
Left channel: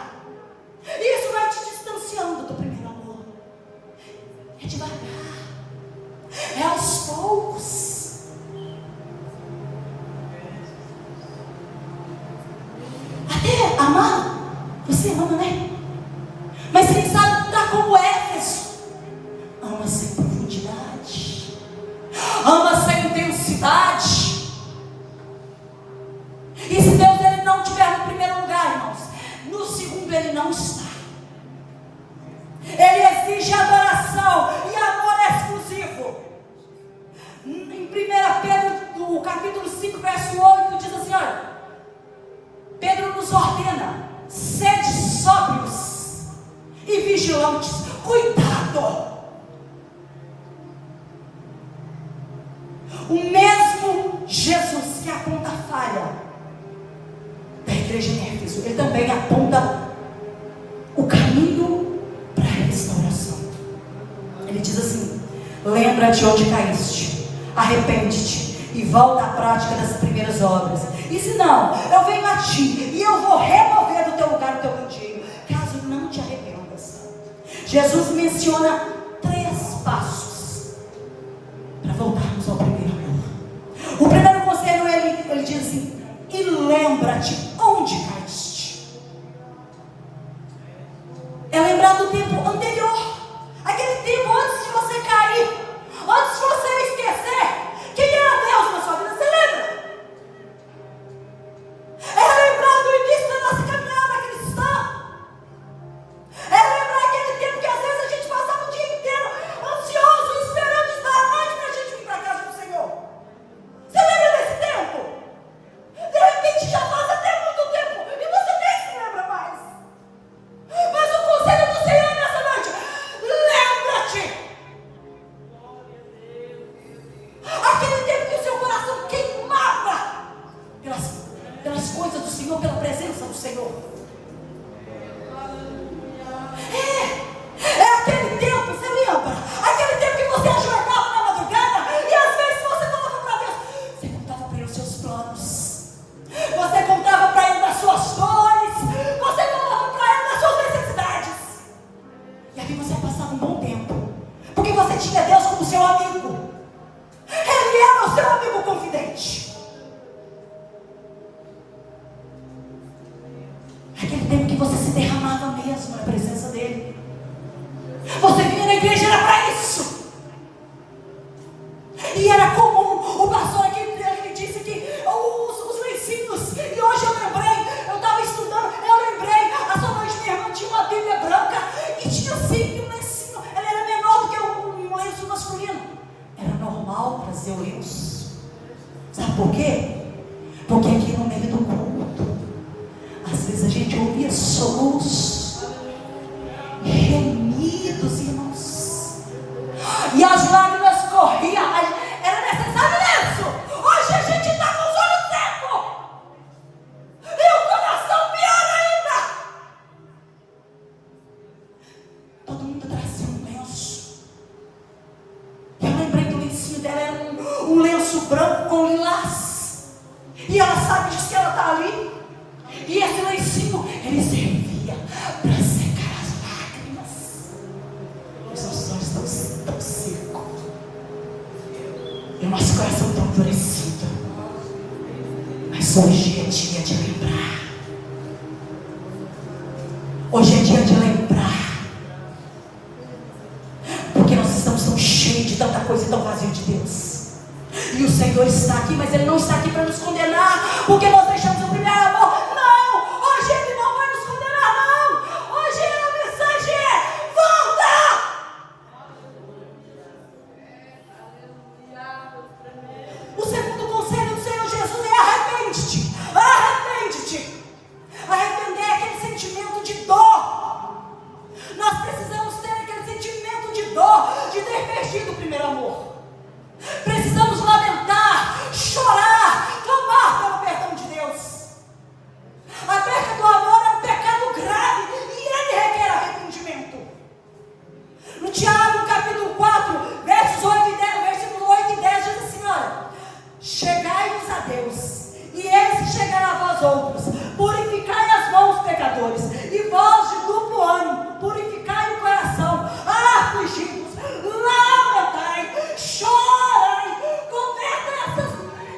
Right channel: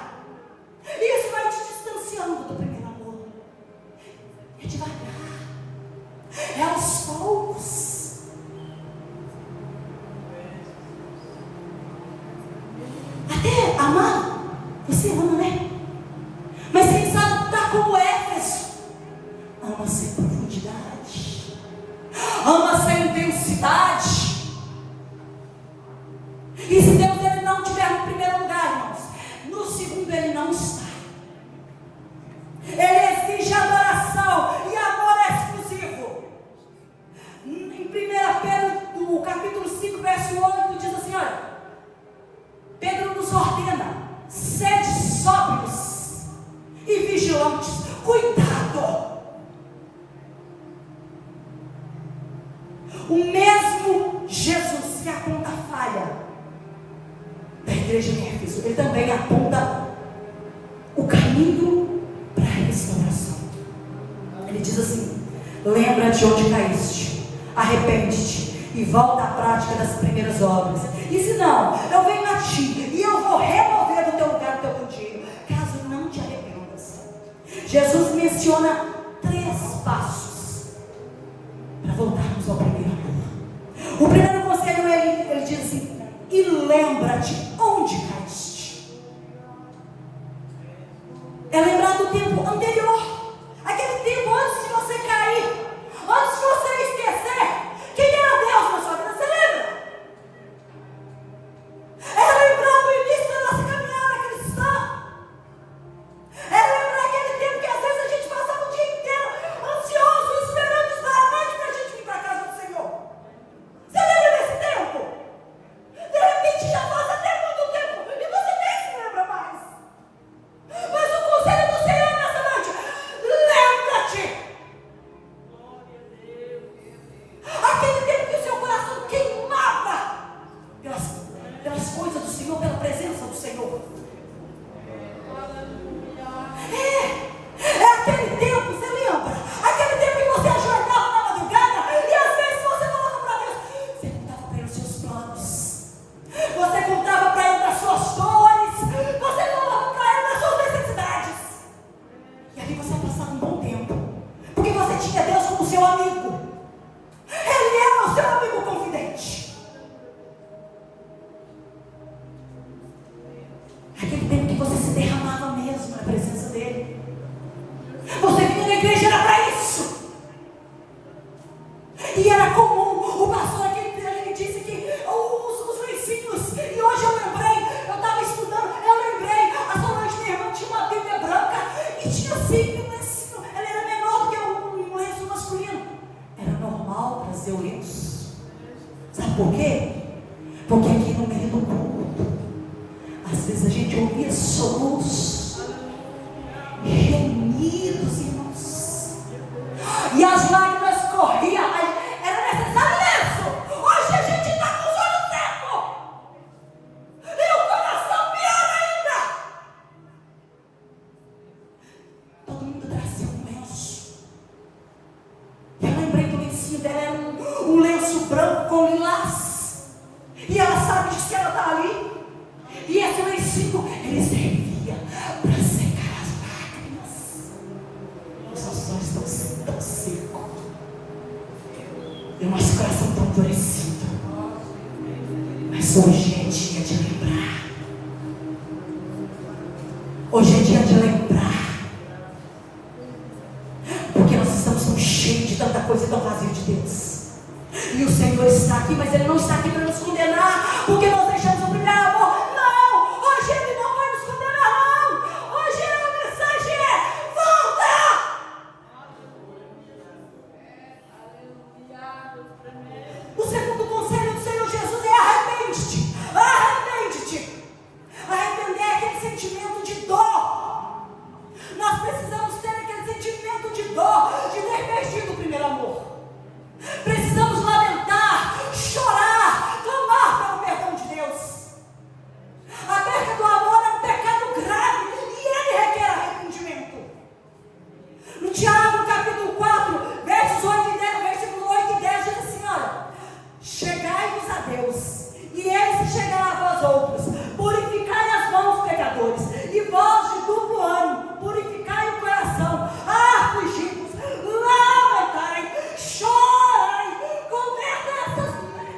e isso vai te distanciando do primeiro amor. É devagar, é aos poucos. Até amar, você ama, né? Mas quem sabe está como Éfeso: ama sem profundidade, ama sem intensidade. E se Deus ele não estiver no primeiro lugar, irmãos, no segundo ele não está. Ele exige adoração e amor exclusivo. Em 1 Pedro, no capítulo 5, verso 8, diz assim: olha, Pedro nos ordena: sede sóbrios e vigilantes. Cuidado. O mesmo Jesus que aponta a falha da igreja em Éfeso, ele também aponta o caminho para a restauração. Ele diz assim: lembra-te onde caíste, arrepende-te e volta à prática das primeiras obras. E se não, eu venho a ti e eu vou remover do teu lugar o teu candeeiro, caso não te arrependas. Jesus menciona 3 passos para voltarmos ao primeiro amor. O primeiro conselho, ele diz assim: e lembra-te onde caíste. É lembrar do tempo anterior, aquele tempo antes de você cair, antes de você esquecer quem era Deus na sua vida. Você lembra? É lembrar do início da nossa caminhada cristã. É lembrar aquele tempo que às vezes a gente passava o dia inteiro ansioso, esperando estar à noite para a gente soluços, gemidos, irmãos, e as lágrimas corriam. Era necessário lenço. Hoje a gente está com os olhos secos e o coração pior ainda. Todo mundo trazia um lenço. Eu lembrei do lencinho dela, era um lenço branco com lilás, e ela sabe disso que ela está ali. E esse lencinho, ele servia para secar as lágrimas. Os nossos olhos estão tão secos e o nosso coração tão endurecido. Mas hoje é dia de lembrar. Hoje é dia de lembrar. Porque nós estamos tão cheios de tanta coisa e tão vazio de Deus. E o Senhor está aqui, mas Ele não está aqui para nos condenar, porque nós deixamos o primeiro amor. Não, hoje Ele não vai nos condenar, não. Hoje a mensagem é: volta! O segundo conselho do Senhor Jesus é: arrepende-te. Arrepende-te. Arrepender é aquele sentimento de dor. Nós precisamos ter aquele sentimento de dor, de ter perdido o primeiro amor. Precisamos lamentar, chorar, clamar pelo perdão de Deus. A perca do amor é um pecado grave e ele requer arrependimento. No Tiago, capítulo 4, versos 8 e 10, versículo 8 e 10, diz assim: olha, chegai-vos a Deus, e Ele se chegará a vós outros. Purificai as mãos, pecadores, e vós de duplo ânimo, purificai o coração, afligimos, lamentai, chorai, converta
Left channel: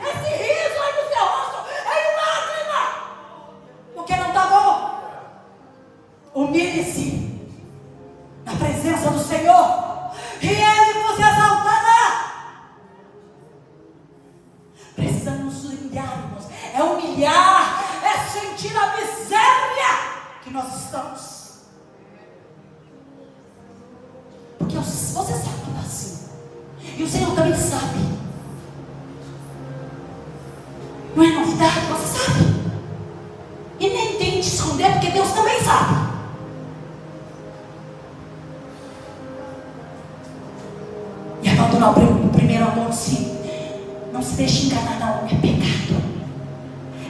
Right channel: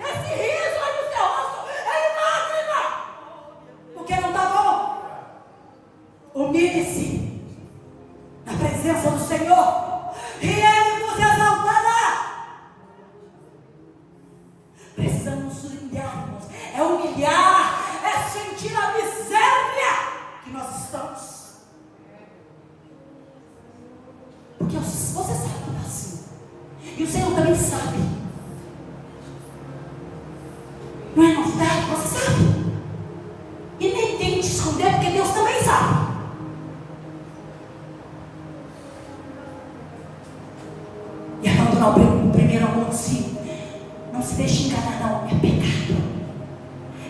esse riso aí no seu rosto em lágrima, porque não está bom. Humilhe-se na presença do Senhor, e Ele vos exaltará. Precisamos nos humilhar, irmãos. É humilhar, é sentir a miséria que nós estamos. Porque você sabe que está assim, e o Senhor também sabe. Não é novidade, você sabe. E nem tem que esconder, porque Deus também sabe. E abandonar o primeiro amor, sim. Não se deixe enganar, não. É pecado.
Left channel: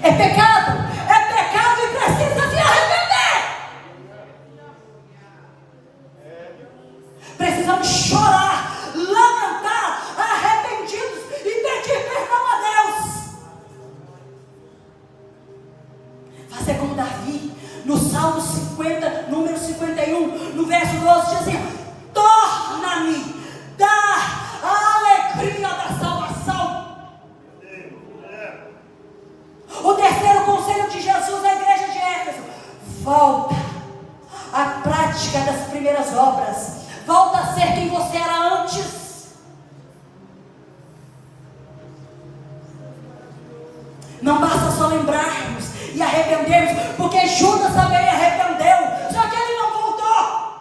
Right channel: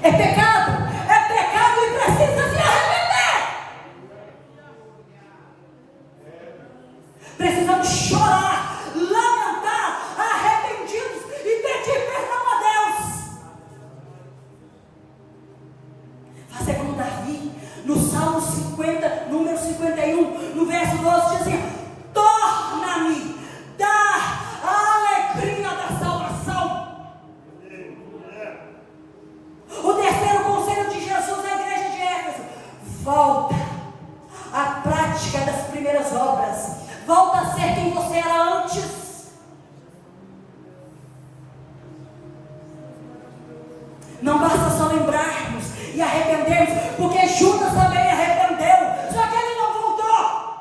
É pecado. É pecado e precisa se arrepender. Precisamos chorar, lamentar, arrependidos e pedir perdão a Deus. Fazer como Davi, no Salmo 50, número 51, no verso 12, diz assim: torna-me da alegria da salvação. O terceiro conselho de Jesus à igreja de Éfeso: volta à prática das primeiras obras. Volta a ser quem você era antes. Não basta só lembrarmos e arrependermos, porque Judas também arrependeu, só que ele não voltou.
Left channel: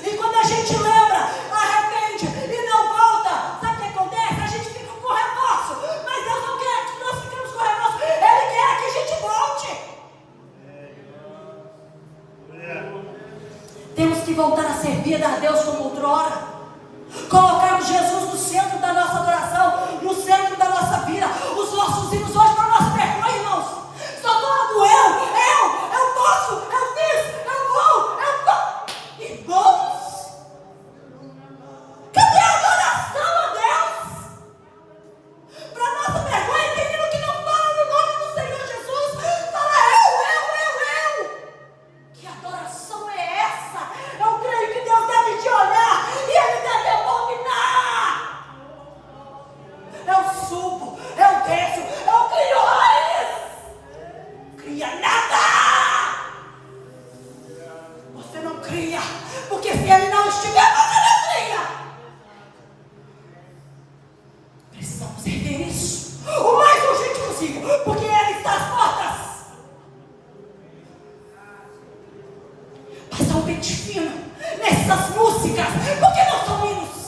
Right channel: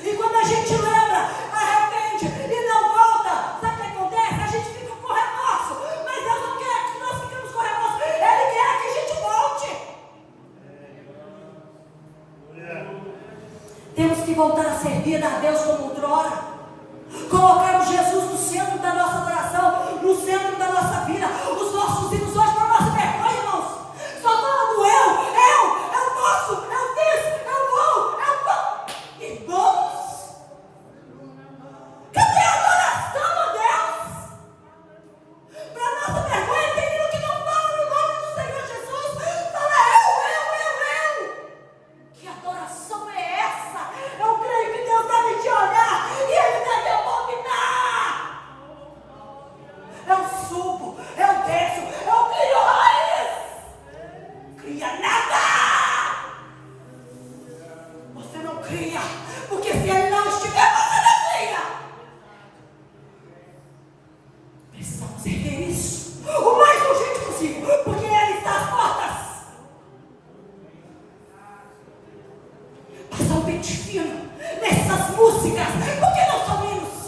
E quando a gente lembra, arrepende e não volta, sabe o que acontece? A gente fica com remorso. Mas Deus não quer que nós fiquemos com remorso. Ele quer que a gente volte. Temos que voltar a servir a Deus como outrora. Colocarmos Jesus no centro da nossa adoração, no centro da nossa vida. Os nossos hinos hoje para nossa vergonha, irmãos. Só falando eu posso, eu fiz, eu vou, eu tô. Irmãos, cadê a adoração a Deus? Para nossa vergonha, tem hino que não fala no nome do Senhor Jesus. Fala eu. Que adoração é essa? Eu creio que Deus deve te olhar e Ele deve abominar. Eu subo, eu desço, eu crio raiz. Cria nada. Você não cria, porque se Ele não estiver, você não cria. Precisamos rever isso o mais urgente possível, porque Ele está às portas. Passar o pente fino nessas músicas, porque não são hinos.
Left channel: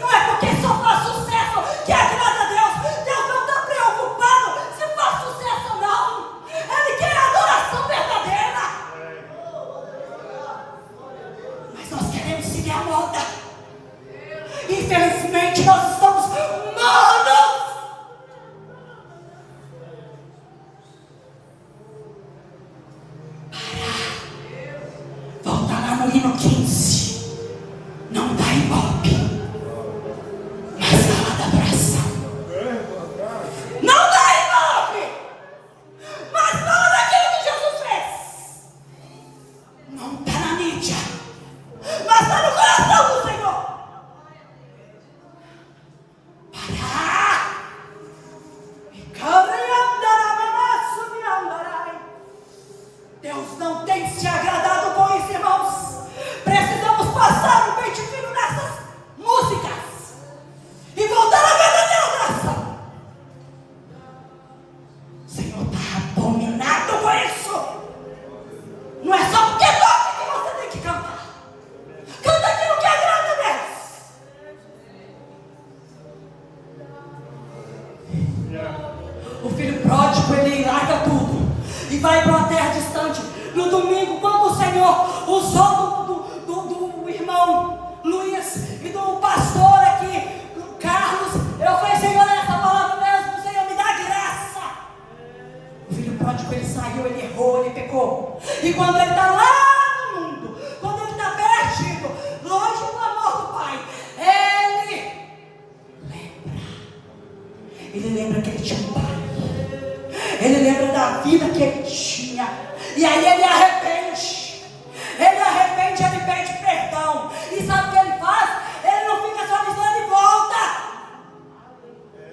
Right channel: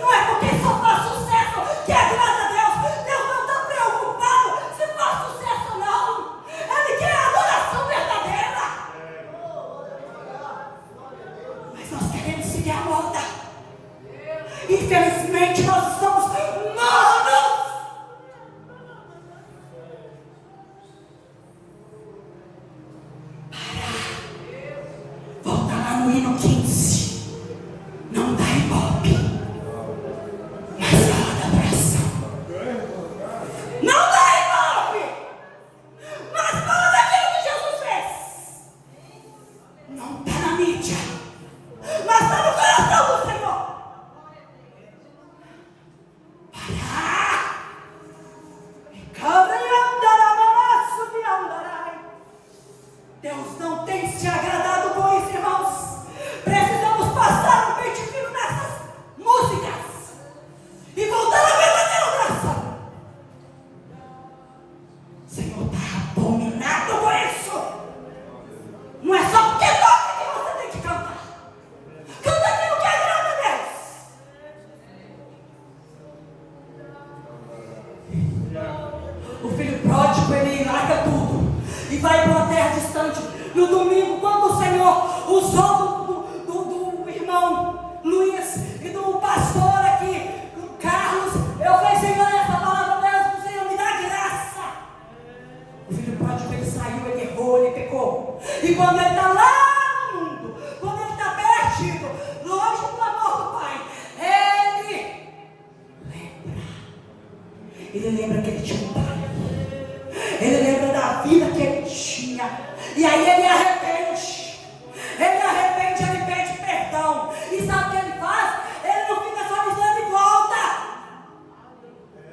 Não é porque só faz sucesso que agrada a Deus. Deus não está preocupado se faz sucesso para ir para uma terra distante. No domingo, quando o Senhor usou do irmão Luiz e do pastor aqui, Carlos, eu falei: Senhor, essa palavra mesmo, Senhor, me dá graça. O filho pródigo, ele saiu, ele errou, ele pecou. E quando ele está lá no mundo, quando ele está perdido, longe do amor do Pai, ele lembra que ele tinha um pai. Ele lembra da vida que ele tinha. E aí ele arrepende. Ele pede perdão. E sabe o que ele faz? Ele não fica só dizendo, ele volta.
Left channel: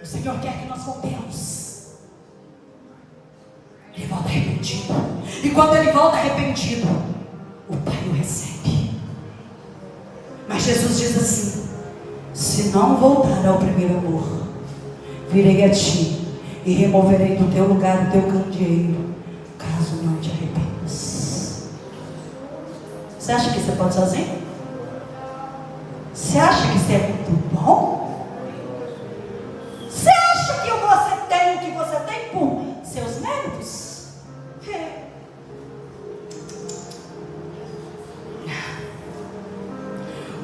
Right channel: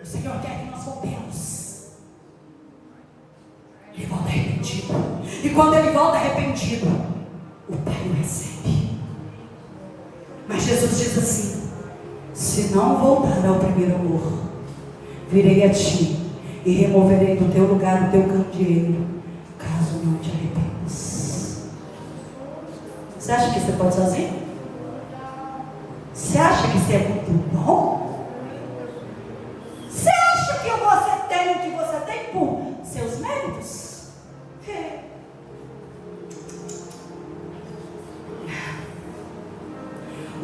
O Senhor quer que nós voltemos. Ele volta arrependido. E quando ele volta arrependido, o Pai o recebe. Mas Jesus diz assim: se não voltar ao primeiro amor, virei a ti e removerei do teu lugar o teu candeeiro, caso não te arrependas. Você acha que você pode sozinho? Você acha que isso é muito bom? Você acha que você tem o que você tem por seus méritos?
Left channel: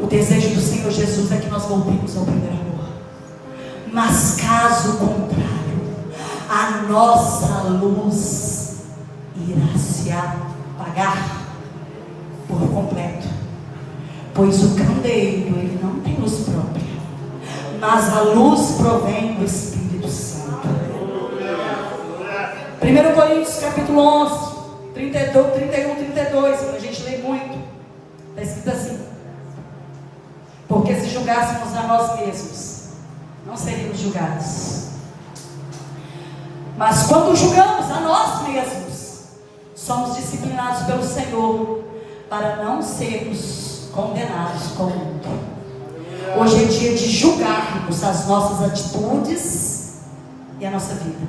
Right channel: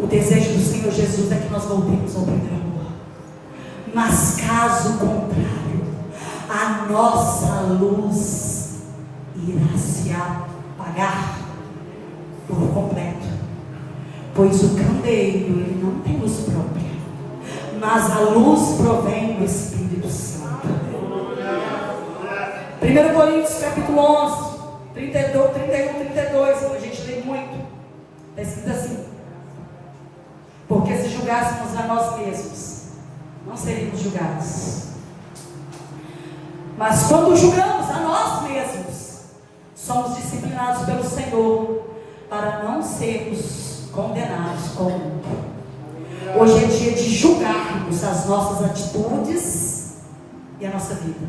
O desejo do Senhor Jesus é que nós voltemos ao primeiro amor. Mas caso contrário, a nossa luz irá se apagar por completo. Pois o candeeiro, ele não tem luz própria, mas a luz provém do Espírito Santo. 1 Coríntios capítulo 11, 31, 32, a gente lê muito. Está escrito assim: porque se julgássemos a nós mesmos, não seríamos julgados. Mas quando julgamos a nós mesmos, somos disciplinados pelo Senhor, para não sermos condenados com o mundo. Hoje é dia de julgarmos as nossas atitudes e a nossa vida,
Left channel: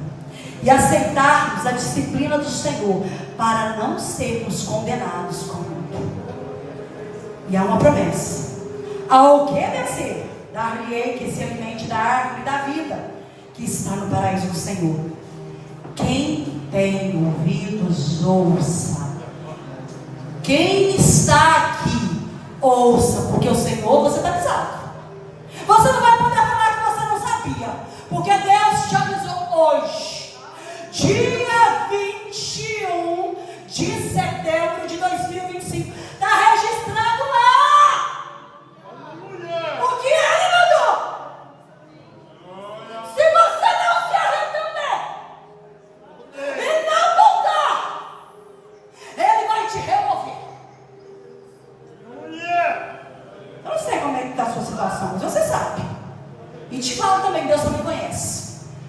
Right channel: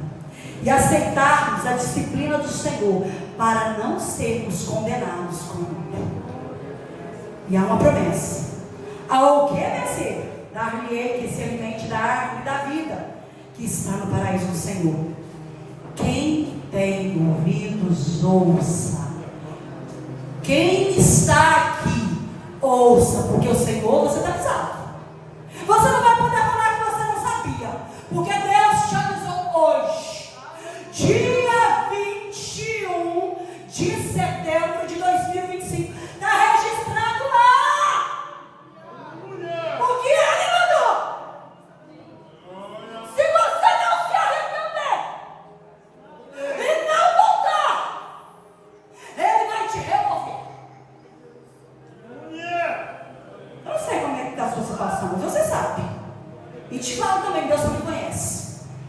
e aceitarmos a disciplina do Senhor, para não sermos condenados com o mundo. E há uma promessa: ao que vencer, dar-lhe-ei que se alimente da árvore da vida, que está no paraíso do Senhor. Quem tem ouvidos, ouça. Quem está aqui, ouça, porque o Senhor, você está avisado. Você não vai poder falar que você não sabia, porque Deus te avisou hoje.